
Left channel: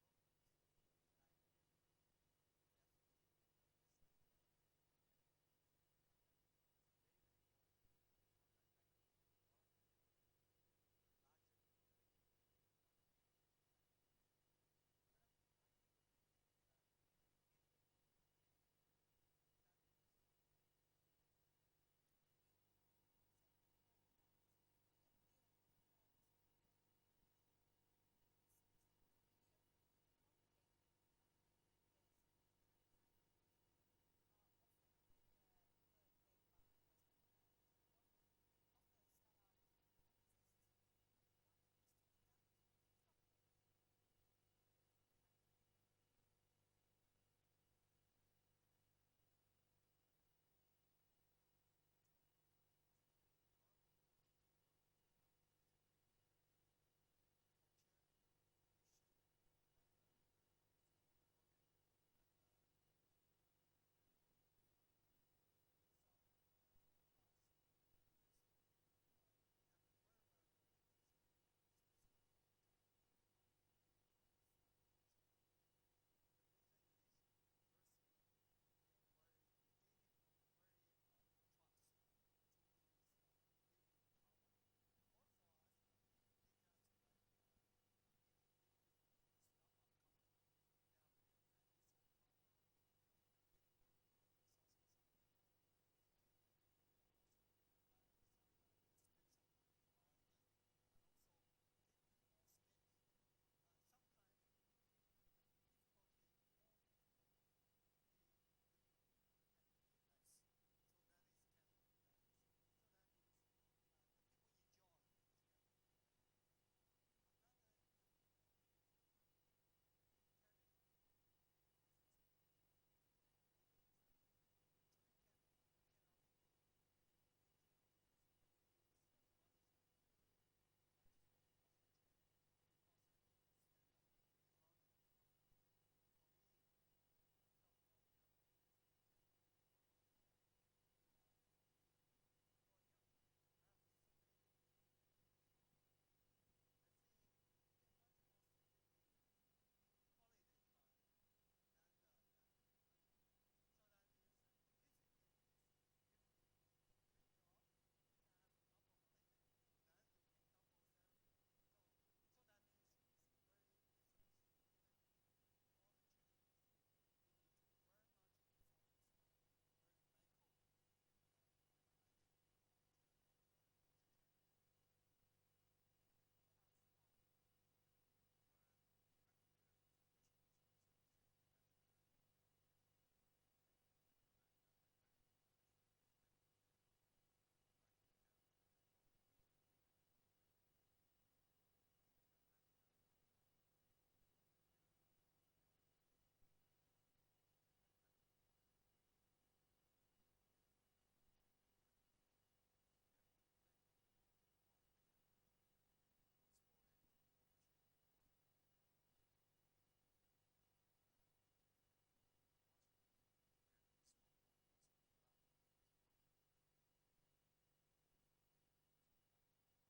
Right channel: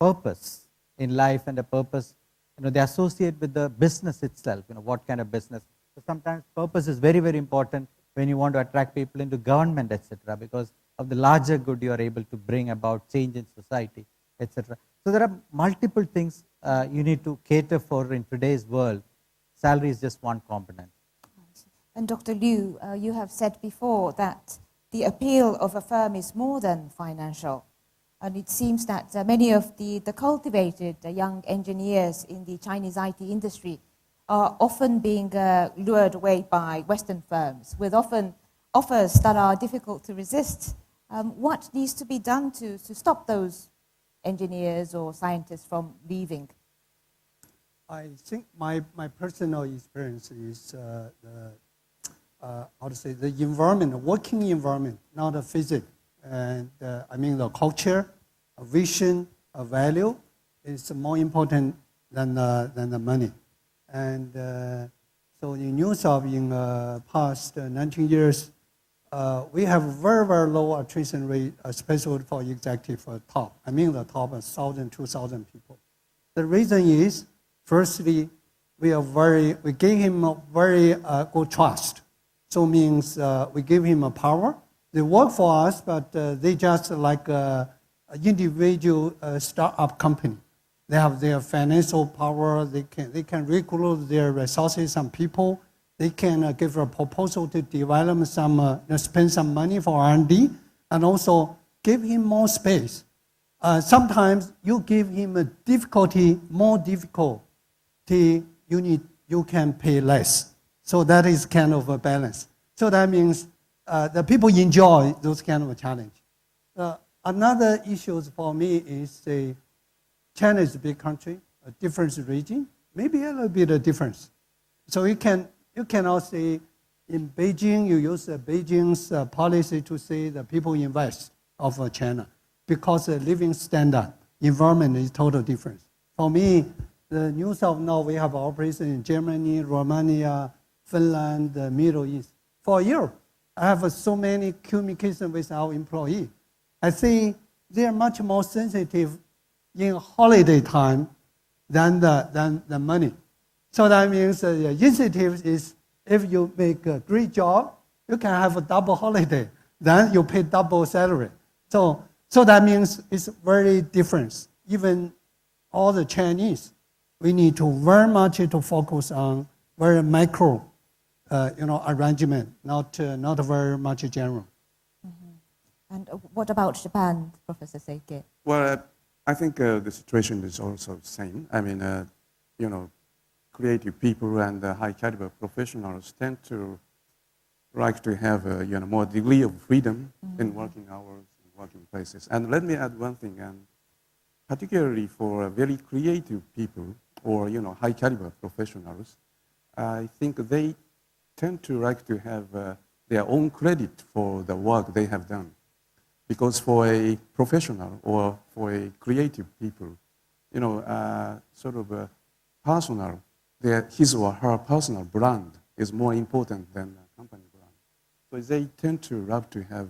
purpose in life and a purpose, they associate with the business itself. What kind of business? So sometimes purpose is very, very important when you want to attract people into government, etc., because of the larger good you are able to bring about change in society, etc. So there are multiple things you need to cater for in today's world. Salary is just one component. And Dr. Liu, you have said before that the appeal of a firm is more than financial. And it seems that many of the cultivated young engineers in the Chinese IT industry are often being lured away by Western firms, with often offers that are difficult to resist. What needs to be done to stop those engineers or scientists from leaving? I think my personal experience is the environment, the working environment, not the physics. And I mean the culture, a vision, a value is more important than the money. And so in Newsoft, in past 19 years, we have very, very low attrition rate, especially for executive top. I mean the top 1,000, 2,000 people. The reason is, firstly, we gave him a very good trust. So means we give him a power. They work for us, but they just like an individual startup company. They have their financial power. They can recruit their resources and people. They can give a proposal to develop spend some money for R&D, and also give him more space. Sometimes you give him more difficulty, you can pay less. So that is kind of a balance. So that means the people enjoy those kind of a challenge. Another issue for me is China is a big country, a different region, maybe a little bit of difference. So you cannot say in Beijing, you use Beijing's policy to say the people invest of China, because the living standard, environment is totally different. For me, the Newsoft now, we have operations in Germany, Romania, Finland, the Middle East. For Europe, I have so many communication with our employee. I think they are much more sensitive in holiday time than the money. So that means the incentive is, if you make a great job, you can have a double holiday. Then you pay double salary. So that means it's very different. Even all the Chinese, we need to very much to focus on very micro, arrangement, not very much general. And what about Japan, Professor Seike? Well, I think the situation is also the same. I mean, creative people and high caliber professionals tend to like to have more degree of freedom in working hours, in working places. And let me add one thing, and particularly for very creative people or high caliber professionals, I think they tend to like to have their own credit for the work they have done. Because for a professional or for a creative people, sort of a personal, his or her personal brand is more important than a company brand. So they tend to love to have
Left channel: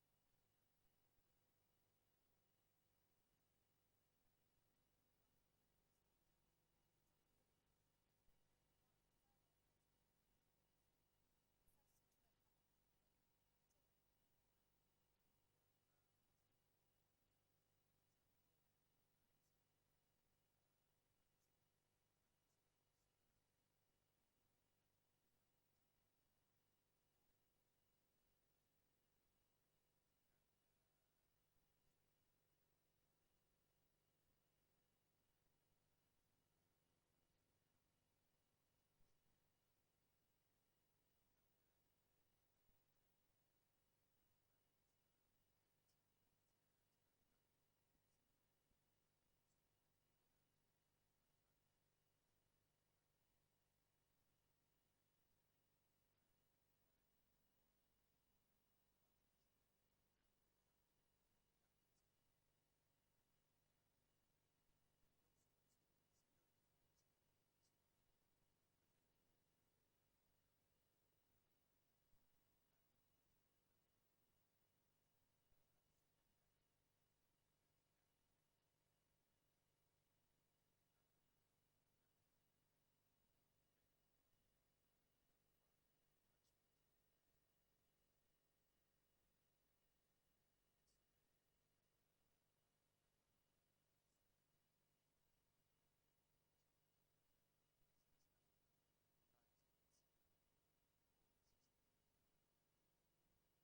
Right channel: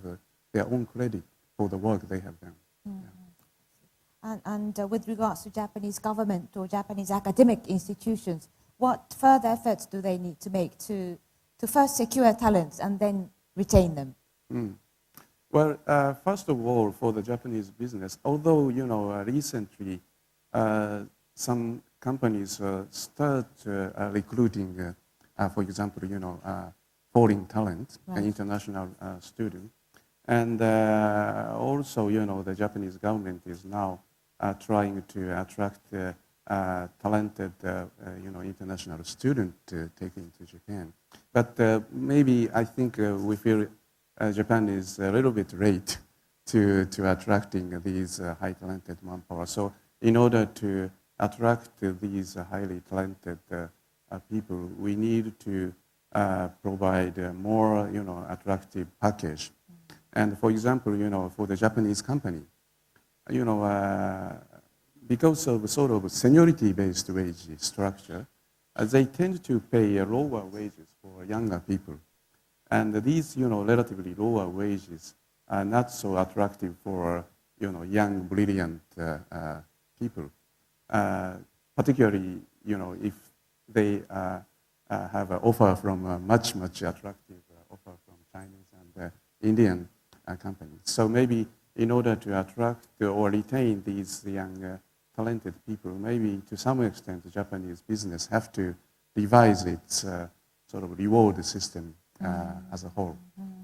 their own credit for the work they have done. Yeah. And with regards to Japanese government or Japanese academic institutions, what further efforts do they need to make to first secure talents and then retain them? Well, first of all, for the Japanese business, although, recently some companies start recruiting, for example, foreign talent, an international student. And also, the Japanese government is now trying to attract talented, international student taken to Japan. But maybe I think we feel Japan is a little bit late to attracting these high talented manpower. So in order to attract these highly talented people, we need to provide a more attractive package. And for example, for the Japanese company, because of sort of seniority-based wage structure, they tend to pay lower wages for younger people. And these, relatively lower wages are not so attractive for, young, brilliant people. Particularly, if they have an offer from a much, much attractive offer from Chinese and Indian companies. So maybe in order to attract or retain these young, talented people, maybe to some extent the Japanese business have to revise its sort of reward system as a whole.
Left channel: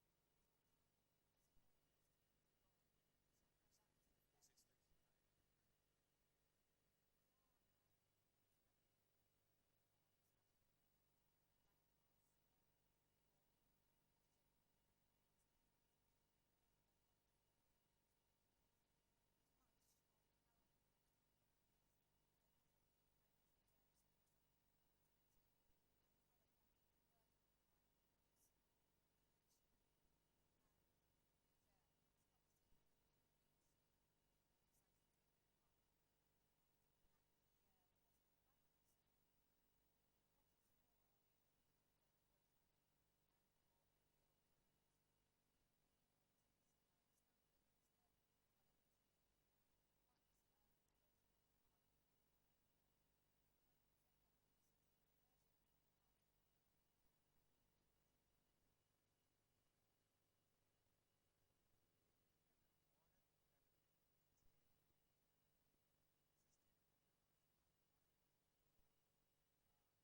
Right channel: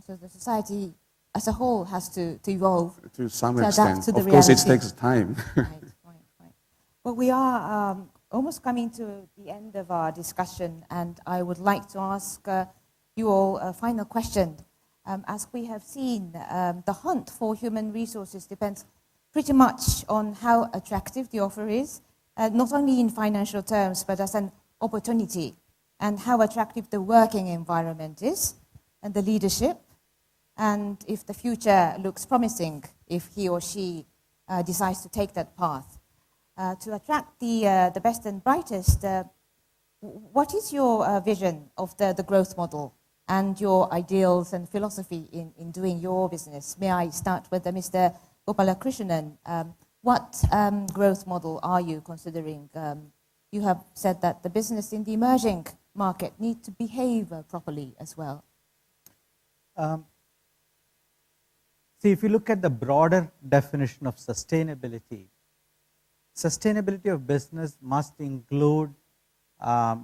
So the society as a whole has to evolve. To some to extent. adapt to the Of course, it reality. takes time. Right. Well, we are almost coming to the end of our discussion, and I would like to ask you all a final question. As we have seen, the hunt for human resources depends pretty much on how attractive the offer is, not only in financial terms, but as an opportunity, and how attractive the working environment is, and the leadership, and if the future looks promising, if he or she decides to take that path. To attract the best and brightest, what is your vision of the growth model and your ideals and philosophy in doing your business? May I start with Mr. Gopoalakrishnan? What growth model are you considering? You have said that the business in the emerging market need to behave properly as well. See, if you look at the broader definition of sustainability, sustainability of business must include a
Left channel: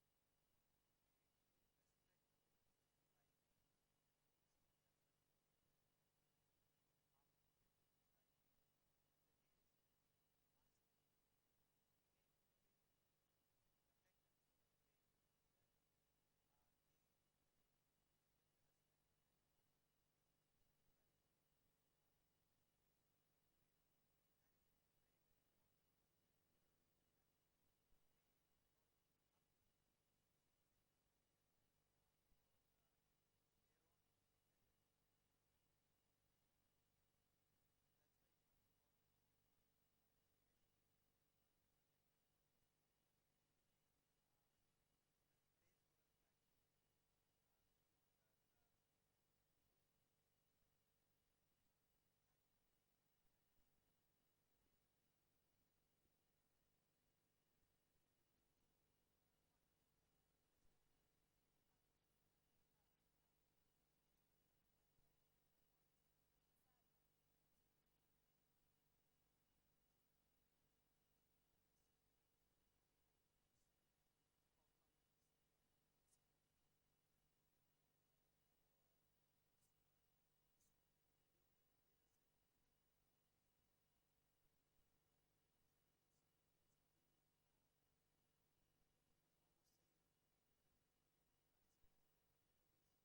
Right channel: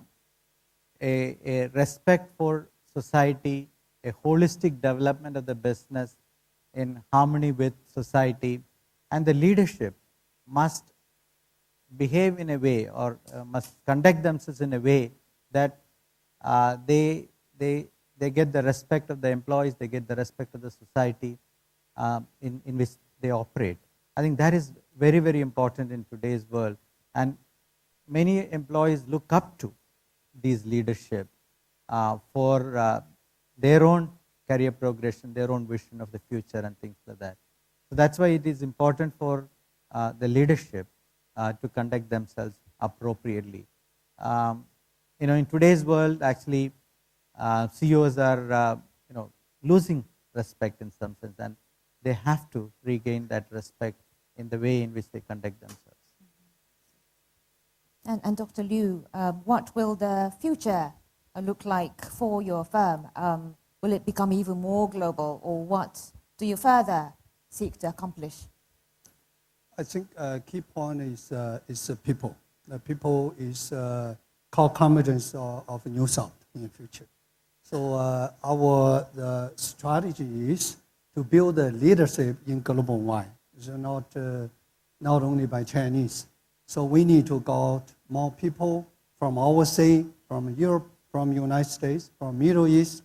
respect for society, a holistic development of the business in harmony with society, and the leadership must behave in a way or must conduct themselves in a way that they get the respect of the employees, they get the respect of the society in which they operate. I think that is very, very important in today's world, and many employees look up to these leadership for their own career progression, their own vision of the future and things like that. So that's why it is important for the leadership to conduct themselves appropriately. In today's world, actually, CEOs are losing respect in some sense, and they have to regain that respect in the way in which they conduct themselves. And Dr. Liu, what will the future look like for your firm? Will it become even more global, or what do you further seek to accomplish? I think key point is people. The people is core competence of New South in the future. So our strategy is to build a leadership in global wide. It's not only by Chinese. So we need to got more people from overseas, from Europe, from United States, from Middle East,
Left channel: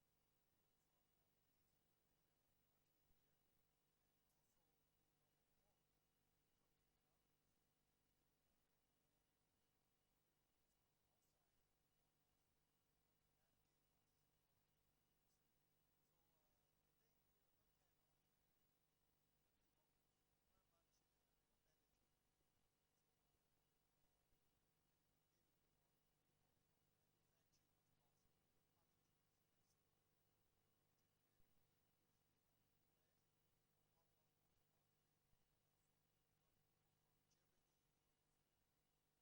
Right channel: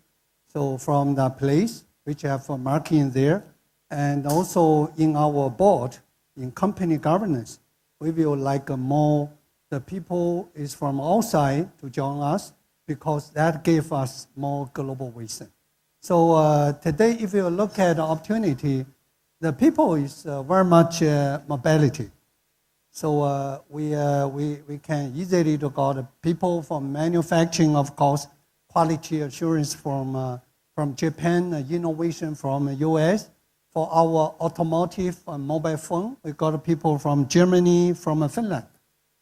so from the place which have a market there, and also in our board, in company governance, we will like more the people is from outside to join us because that gave us more global vision. So today, if you look at the opportunity, the people is very much mobility. So we can easily to got people from manufacturing, of course, quality assurance from Japan, innovation from US. For our automotive and mobile phone, we got people from Germany, from Finland.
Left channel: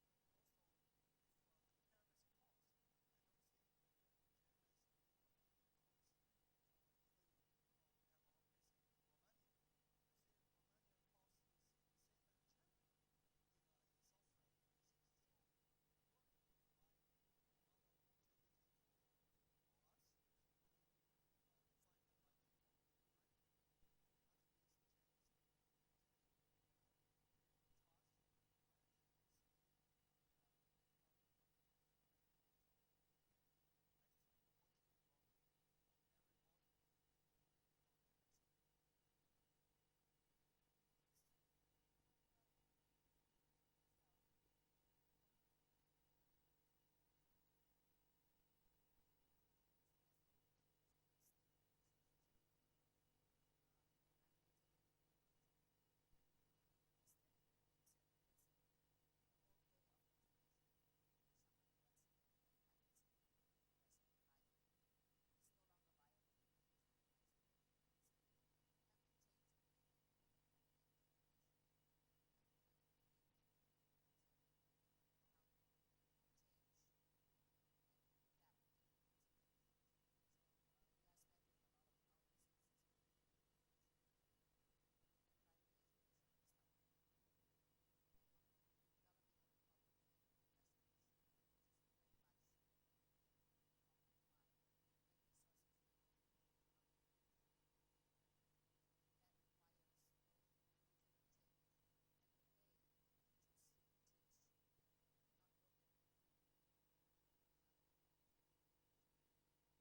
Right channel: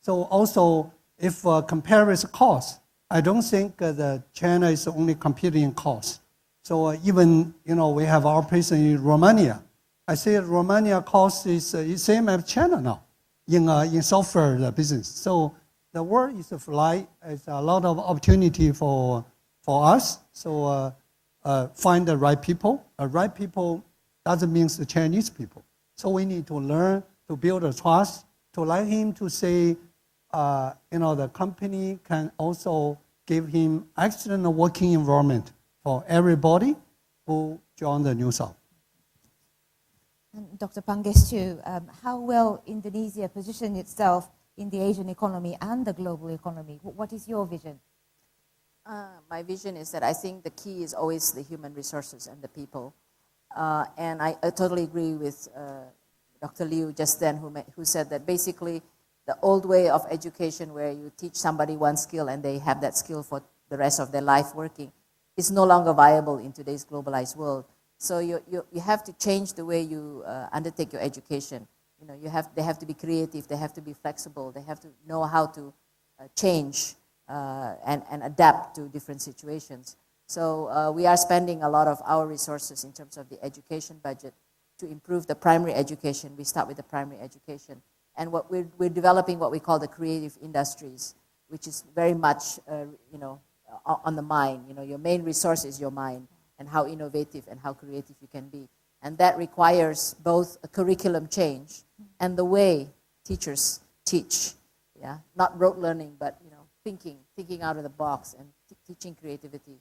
So also, if compares cost, I don't think that China is only competing in cost. So even, we have our operation in Romania. I say Romania cost is same as China now in software business. So the world is a fly. It's a lot of opportunity for us. So find the right people. The right people doesn't mean the Chinese people. So we need to learn to build a trust, to let him to say, the company can also give him excellent working environment for everybody who join the New South. Dr. Pangestu, how will Indonesia position itself in the Asian economy and the global economy? What is your vision? My vision is that I think the key is always the human resources and the people. And I totally agree with Dr. Liu just then, who said that basically the old way of education where you teach somebody one skill and they have that skill for the rest of their life working is no longer viable in today's globalized world. So you have to change the way you undertake your education. They have to be creative, they have to be flexible, they have to know how to change and adapt to different situations. So we are spending a lot of our resources in terms of the education budget to improve the primary education. We start with the primary education. And we're developing what we call the creative industries, which is very much, on the mind. Your main resource is your mind and how innovative and how creative you can be. And that requires both a curriculum change and the way teachers teach. Yeah, not rote learning, but thinking out of the box and teaching creativity.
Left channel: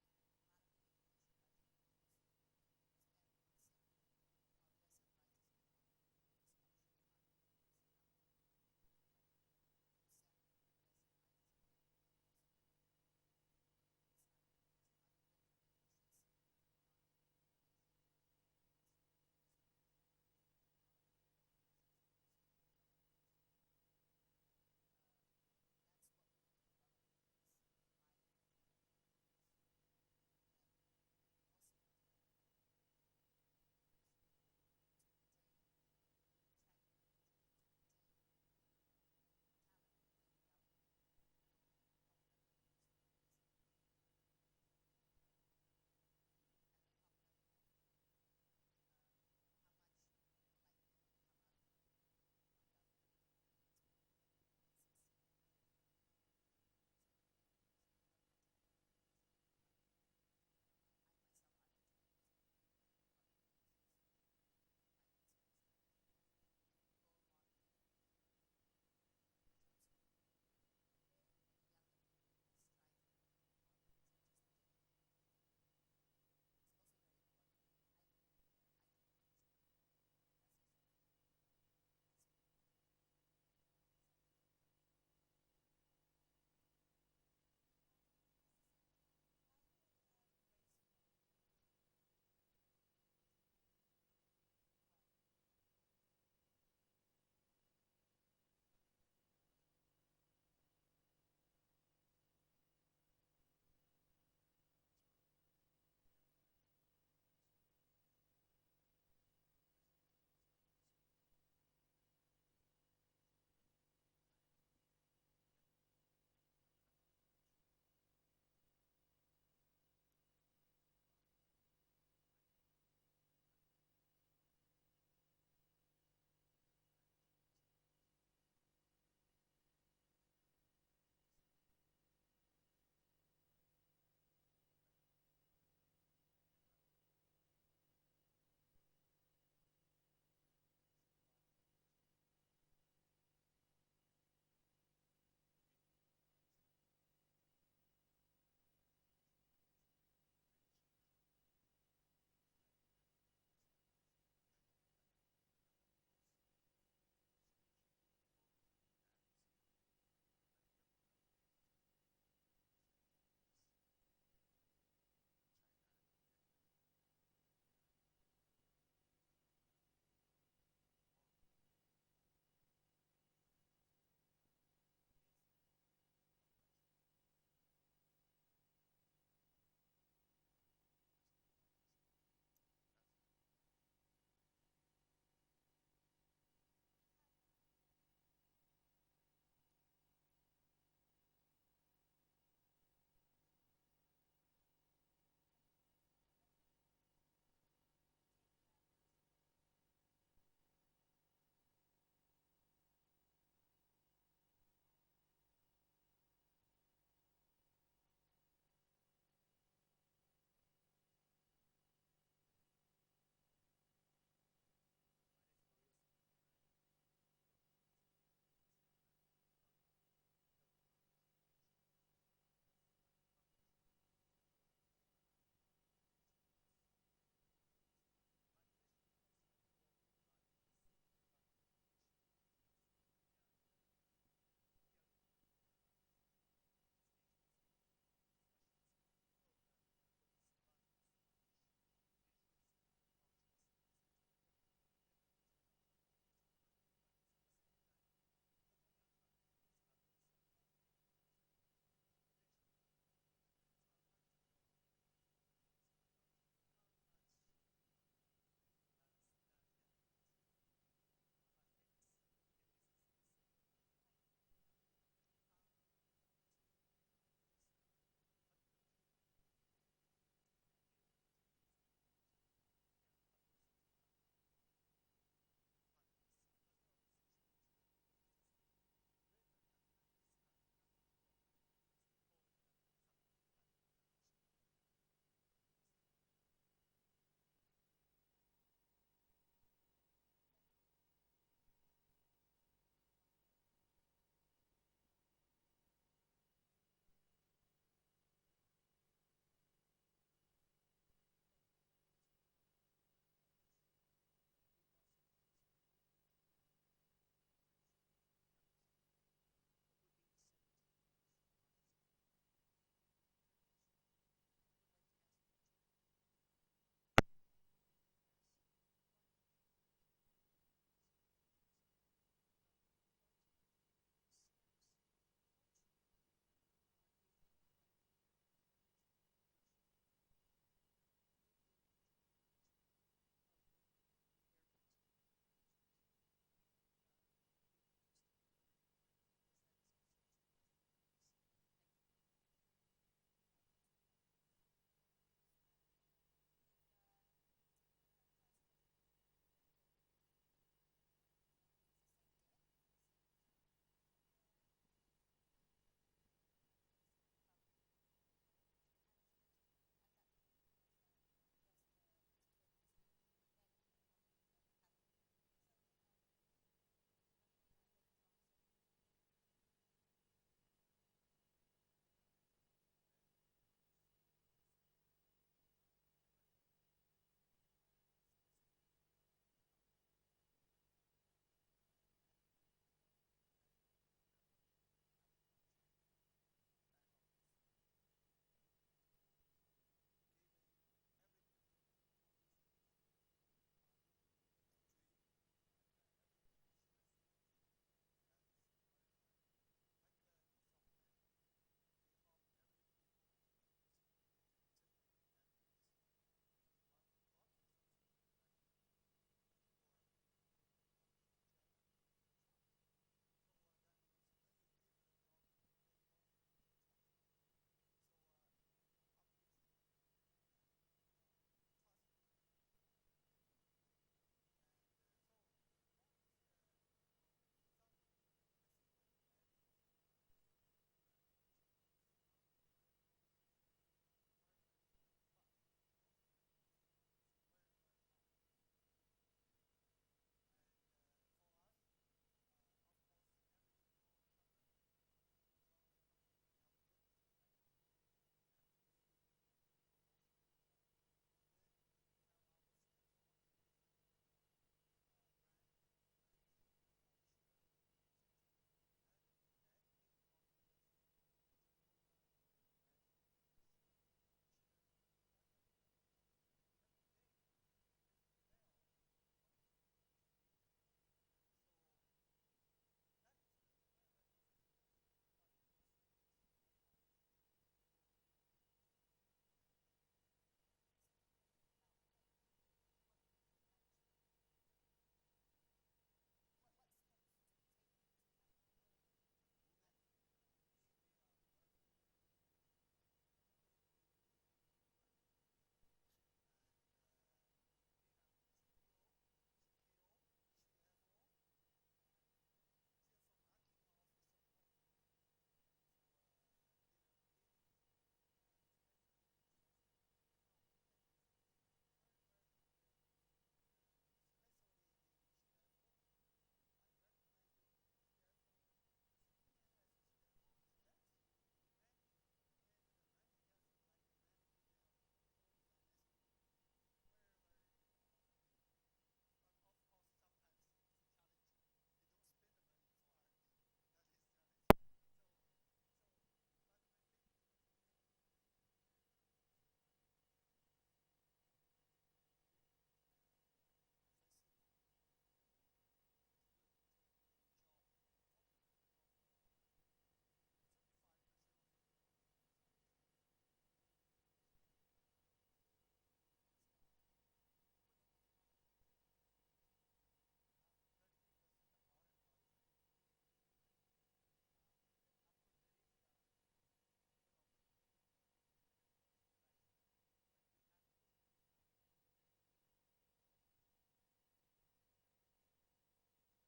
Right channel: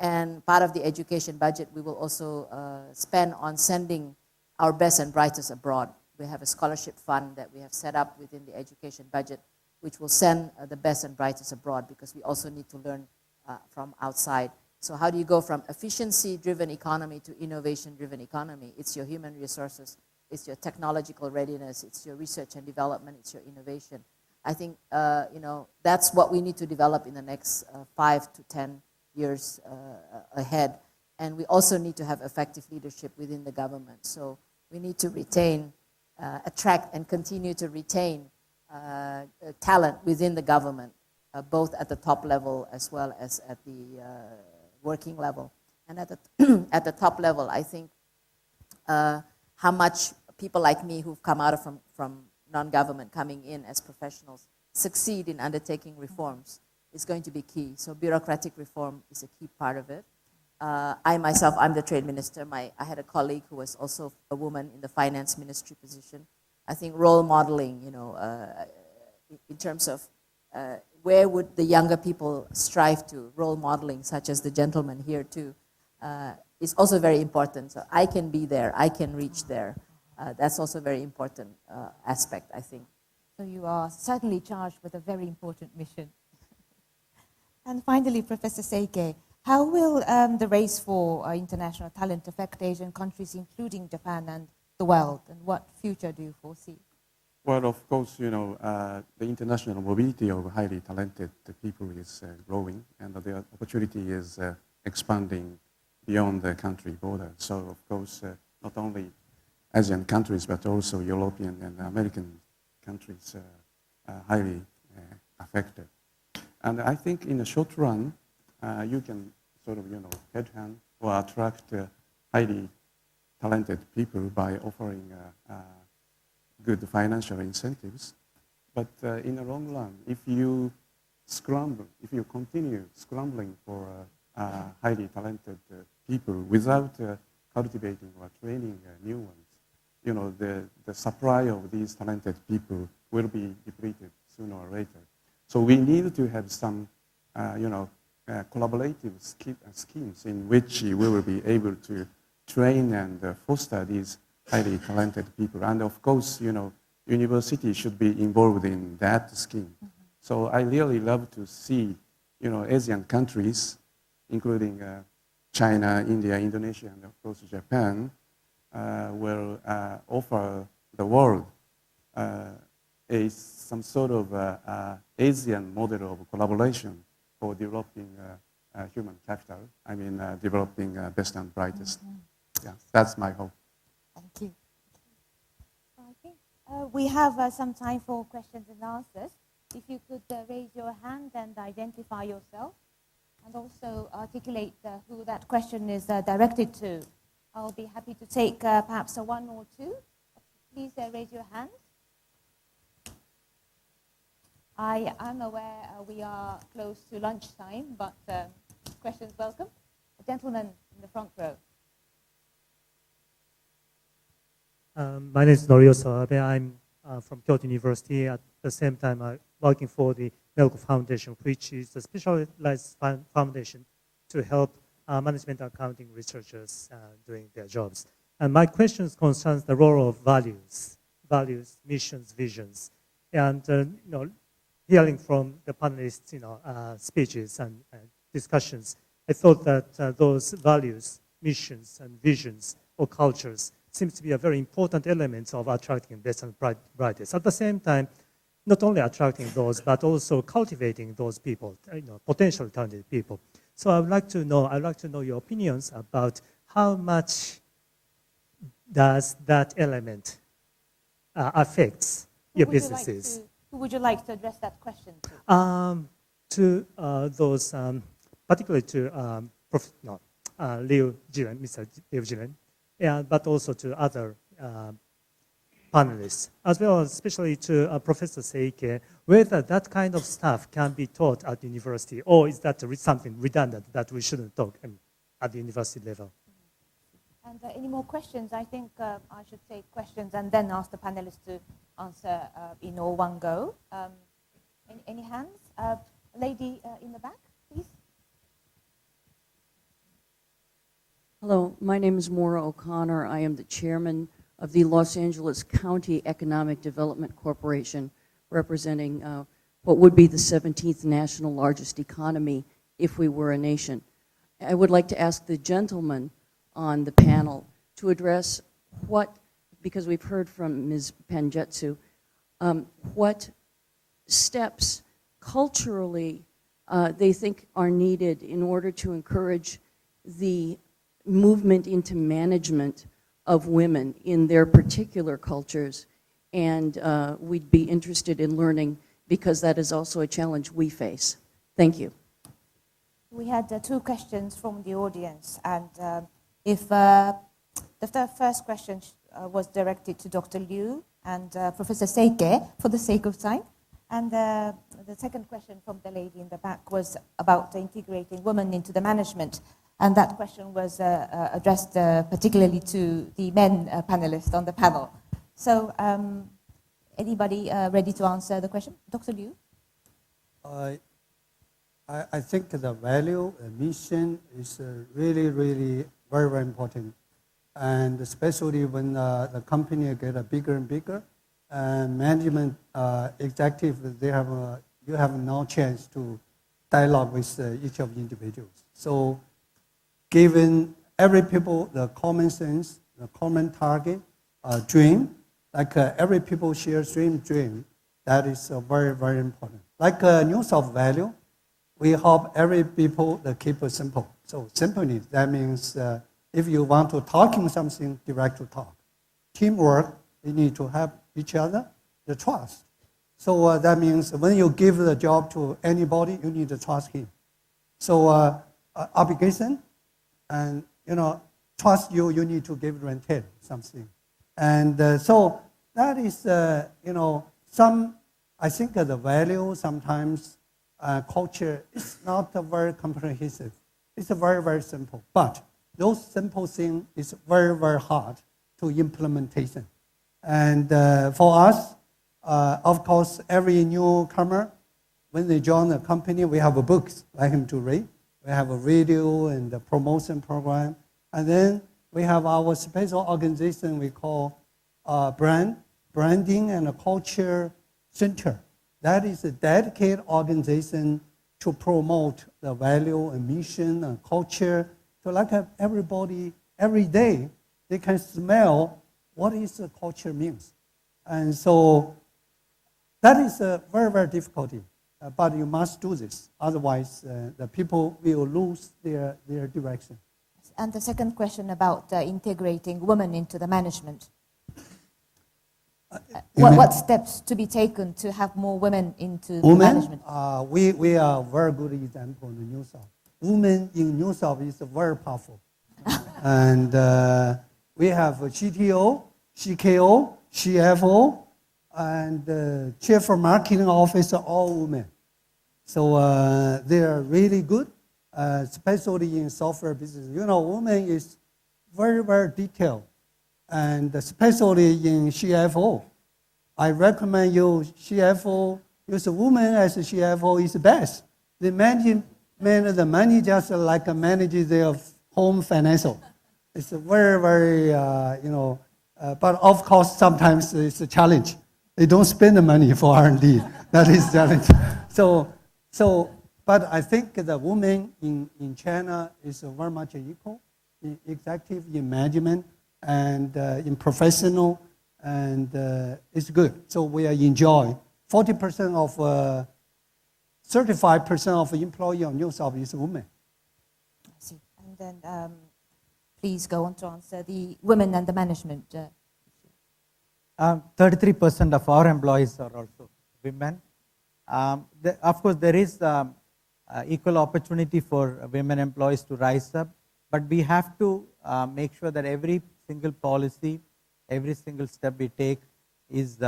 And part of the education budget, we will also spend on sending our best and brightest abroad. We have a scholarship fund that we have set up within the education budget, which will send the best and brightest abroad because we also need to learn from outside. So how do you go from efficiency-driven economy to innovation-driven economy? It's your human resources, it's your technological readiness, it's your research and development, it's your innovation. I think, that's what we need to develop in the next 5 to 10 years ahead. And we also need to have effective leadership within the government. So we need to retain, attract and continue to retain talent within the government, both at the top level as well as at the working level. And at the top level, I think how much people like me who've come out from non-government coming in as professionals succeed in undertaking reforms is going to be key. So bureaucratic reform is a key part of it. I myself, I'm the trade minister. I had a colleague who was also a woman in the finance ministry position. I think role modeling, in terms of where would the younger people strive to, role modeling, such as the gentleman here too, is also very important. So I can be there, I can reach there. That's also a very important aspect, I think. So you are certainly charged with a very important mission. And finally, Professor Seike, how will the race for international talent affect Asian countries, including Japan and the world? And what future do you foresee? Well, of course, the international mobility of highly talented people is growing, and the opportunity is expanding beyond the country border. So, of course, not only Asian countries, but also European and American countries highly affected. And I think in the short run, you can sort of, headhunt or attract highly talented people by offering good financial incentives. But in the long run, if you if you continue scrambling for highly talented people without cultivating or training new ones, you know, the supply of these talented people will be depleted sooner or later. So we need to have some, collaborative schemes in which we will be able to train and foster these highly talented people. And of course, you know, university should be involved in that scheme. So I really love to see, you know, Asian countries, including China, India, Indonesia, and of course Japan, will offer the world some sort of Asian model of collaboration for developing human capital. I mean, developing best and brightest. Yeah, that's my hope. Thank you. Okay. We have some time for questions and answers. If you could raise your hand and identify yourself, and also articulate who that question is directed to. I'll be happy to take perhaps one or two. Please raise your hand. I am aware we are close to lunchtime, but questions welcome. A gentleman in the front row. My name is Norio Sawabe. I'm from Kyoto University. At the same time, I'm working for the Elka Foundation, which is a specialized foundation to help management accounting researchers doing their jobs. And my question concerns the role of values, missions, visions. And hearing from the panelists, speeches and discussions, I thought that those values, missions, and visions or cultures seems to be a very important element of attracting best and brightest. At the same time, not only attracting those, but also cultivating those people, potentially talented people. So I'd like to know your opinions about how much does that element affects your businesses. Who would you like to address that question to? To those, particularly to Liu Jiren, Mr. Liu Jiren, but also to other panelists, as well as especially to Professor Seike, whether that kind of stuff can be taught at the university, or is that something redundant that we shouldn't talk at the university level? And any more questions? I think I should take questions and then ask the panelists to answer in all one go. Any hands? Lady in the back, please. Hello, my name is Maura O'Connor. I am the chairman of the Los Angeles County Economic Development Corporation, representing what would be the 17th national largest economy if we were a nation. I would like to ask the gentleman on the panel to address because we've heard from Ms. Pangestu, what steps culturally they think are needed in order to encourage the movement into management of women in their particular cultures. And we'd be interested in learning, because that is also a challenge we face. Thank you. We had two questions from the audience, and if the first question was directed to Dr. Liu and Professor Seike, for the sake of time, and the second question from the lady in the back was about integrating women into the management, and that question was addressed particularly to the men panelists on the panel. So anybody ready to answer the question? Dr. Liu? I think the value, mission is really, really very, very important. And especially when the company get bigger and bigger, and management executive, you have no chance to dialogue with each of the individuals. So given every people the common sense, the common target, dream, like every people share same dream, that is very, very important. Like news of value, we hope every people keep it simple. So simply, that means if you want to talking something, direct to talk. Teamwork, you need to have each other, the trust. So that means when you give the job to anybody, you need to trust him. So obligation, and trust you need to give rented something. And so that is, I think the value sometimes culture is not very comprehensive. It's very, very simple. But those simple things is very, very hard to implementation. And for us, of course, every newcomer, when they join the company, we have a books like him to read. We have a radio and a promotion program. And then we have our special organization we call Branding and Culture Center. That is a dedicated organization to promote the value and mission and culture. So like everybody, every day, they can smell what is the culture means. And so that is very, very difficult. But you must do this. Otherwise, the people will lose their direction. And the second question about integrating women into the management. What steps to be taken to have more women into the management? We are a very good example in the New South. Women in New South is very powerful. And we have a CTO, CKO, CFO, and Chief Marketing Officer, all women. So they are really good, especially in software business. You know, women is very, very detailed. And especially in CFO, I recommend you CFO, use a woman as a CFO is the best. They manage the money just like manage their home financial. It's a very, very, but of course sometimes it's a challenge. They don't spend the money for R&D. That is challenge. But I think the women in China is very much equal, in executive, in management, and in professional, and it's good. So we enjoy 40% of, 35% of employee on New South is women. I see. And then please go on to answer the women and the management. 33% of our employees are also women. Of course, there is equal opportunity for women employees to rise up, but we have to make sure that every single policy, every single step we take is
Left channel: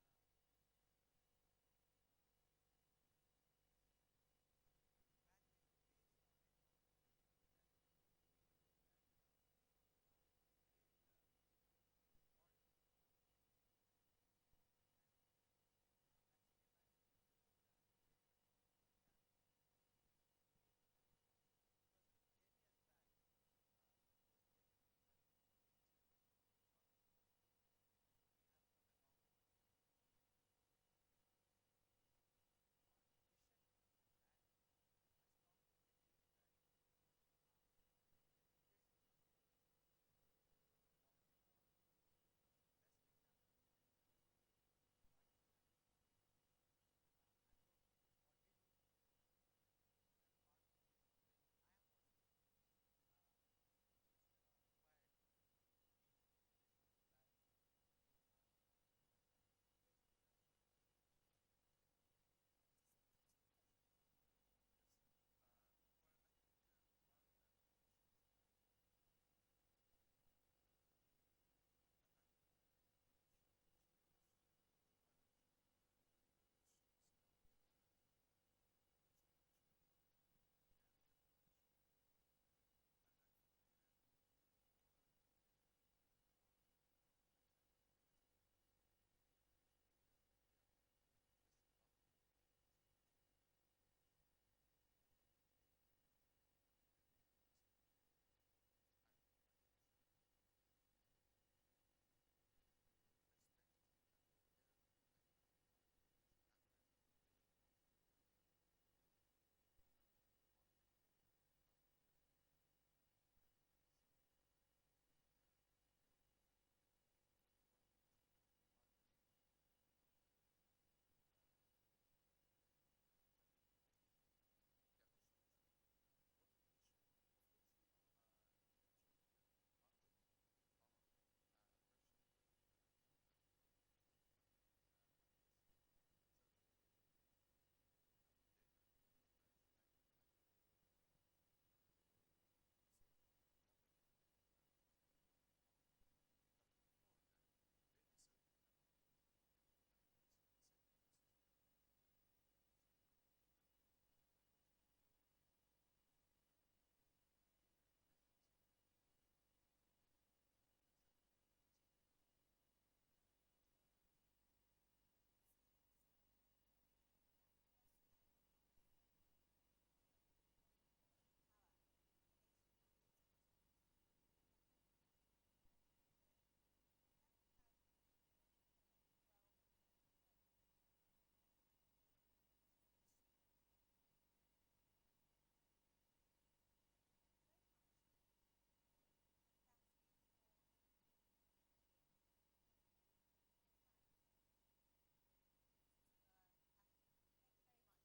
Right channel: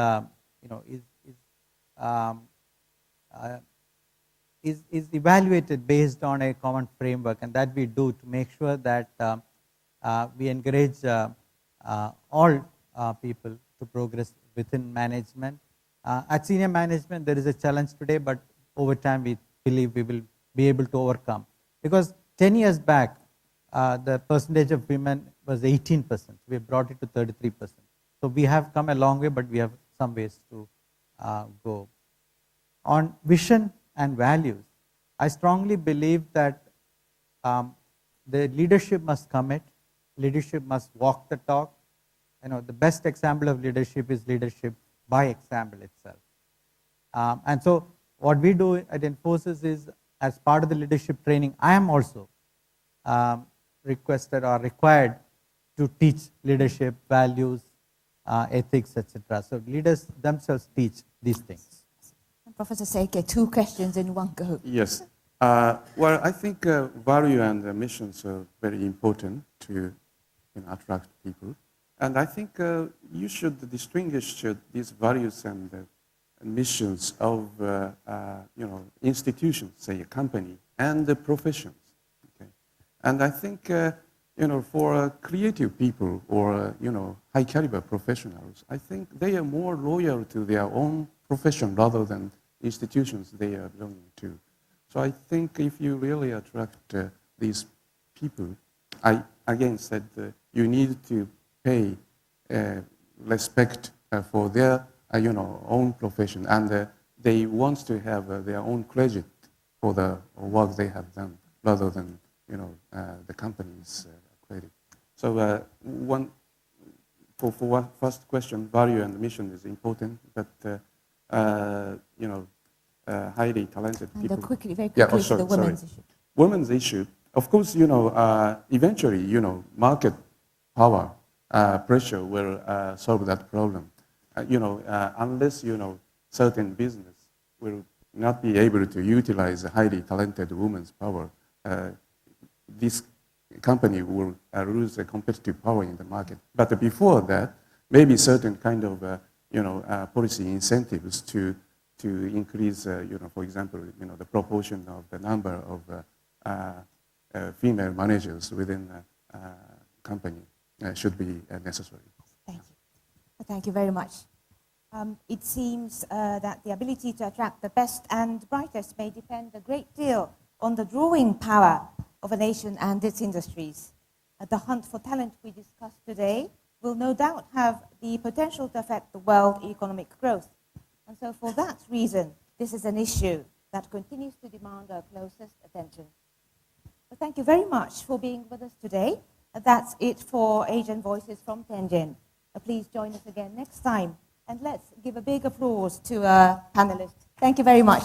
evaluated based on a common framework, and that we do to make sure that we encourage all people to progress within management. At senior management, there is a challenge today, but over time we believe we will be able to overcome. Because 10 years back, the percentage of women was 18%. We have brought it to 33%. So we have come a long way, but we have some ways to go. On vision and values, I strongly believe that the leadership must commit, leadership must walk the talk. You know, the best example of leadership is leadership by example itself. And so what we do at Infosys is, as part of the leadership training, I am also requested or required to teach leadership, values, ethics, etc. So leaders themselves teach these things. Professor Seike, 2 questions in one go. Yes. Well, I think value and missions are very important to attract people. And I think you should distinguish these values and missions of institutions, say a company, and the professions. Okay? And I think for creative people or high caliber professionals, I think they are more loyal to their own profession rather than institutions they are belonging to. So I think if you really attract these people, I again said you need to pay respect for their own profession, and they want to have their own credit for the work they have done rather than the company's credit. So for first question, value and mission is important, but highly talented people. Quickly, very quickly, the women's issue. Women's issue, of course, eventually, market power pressure will solve that problem. Unless, certain business will not be able to utilize a highly talented woman's power, this company will lose a competitive power in the market. But before that, maybe certain kind of, policy incentives to to increase, for example, the proportion of the number of female managers within a company should be necessary. Thank you. Thank you very much. It seems that the ability to attract the best and brightest may depend a great deal on the drawing power of a nation and its industries. The hunt for talent we discussed today will no doubt have the potential to affect the world economic growth. And so for that reason, this is an issue that continues to demand our closest attention. So thank you very much for being with us today. That's it for Asian Voices from Tianjin. Please join us again next time. And let's give a big applause to our panelists. Thank you very much.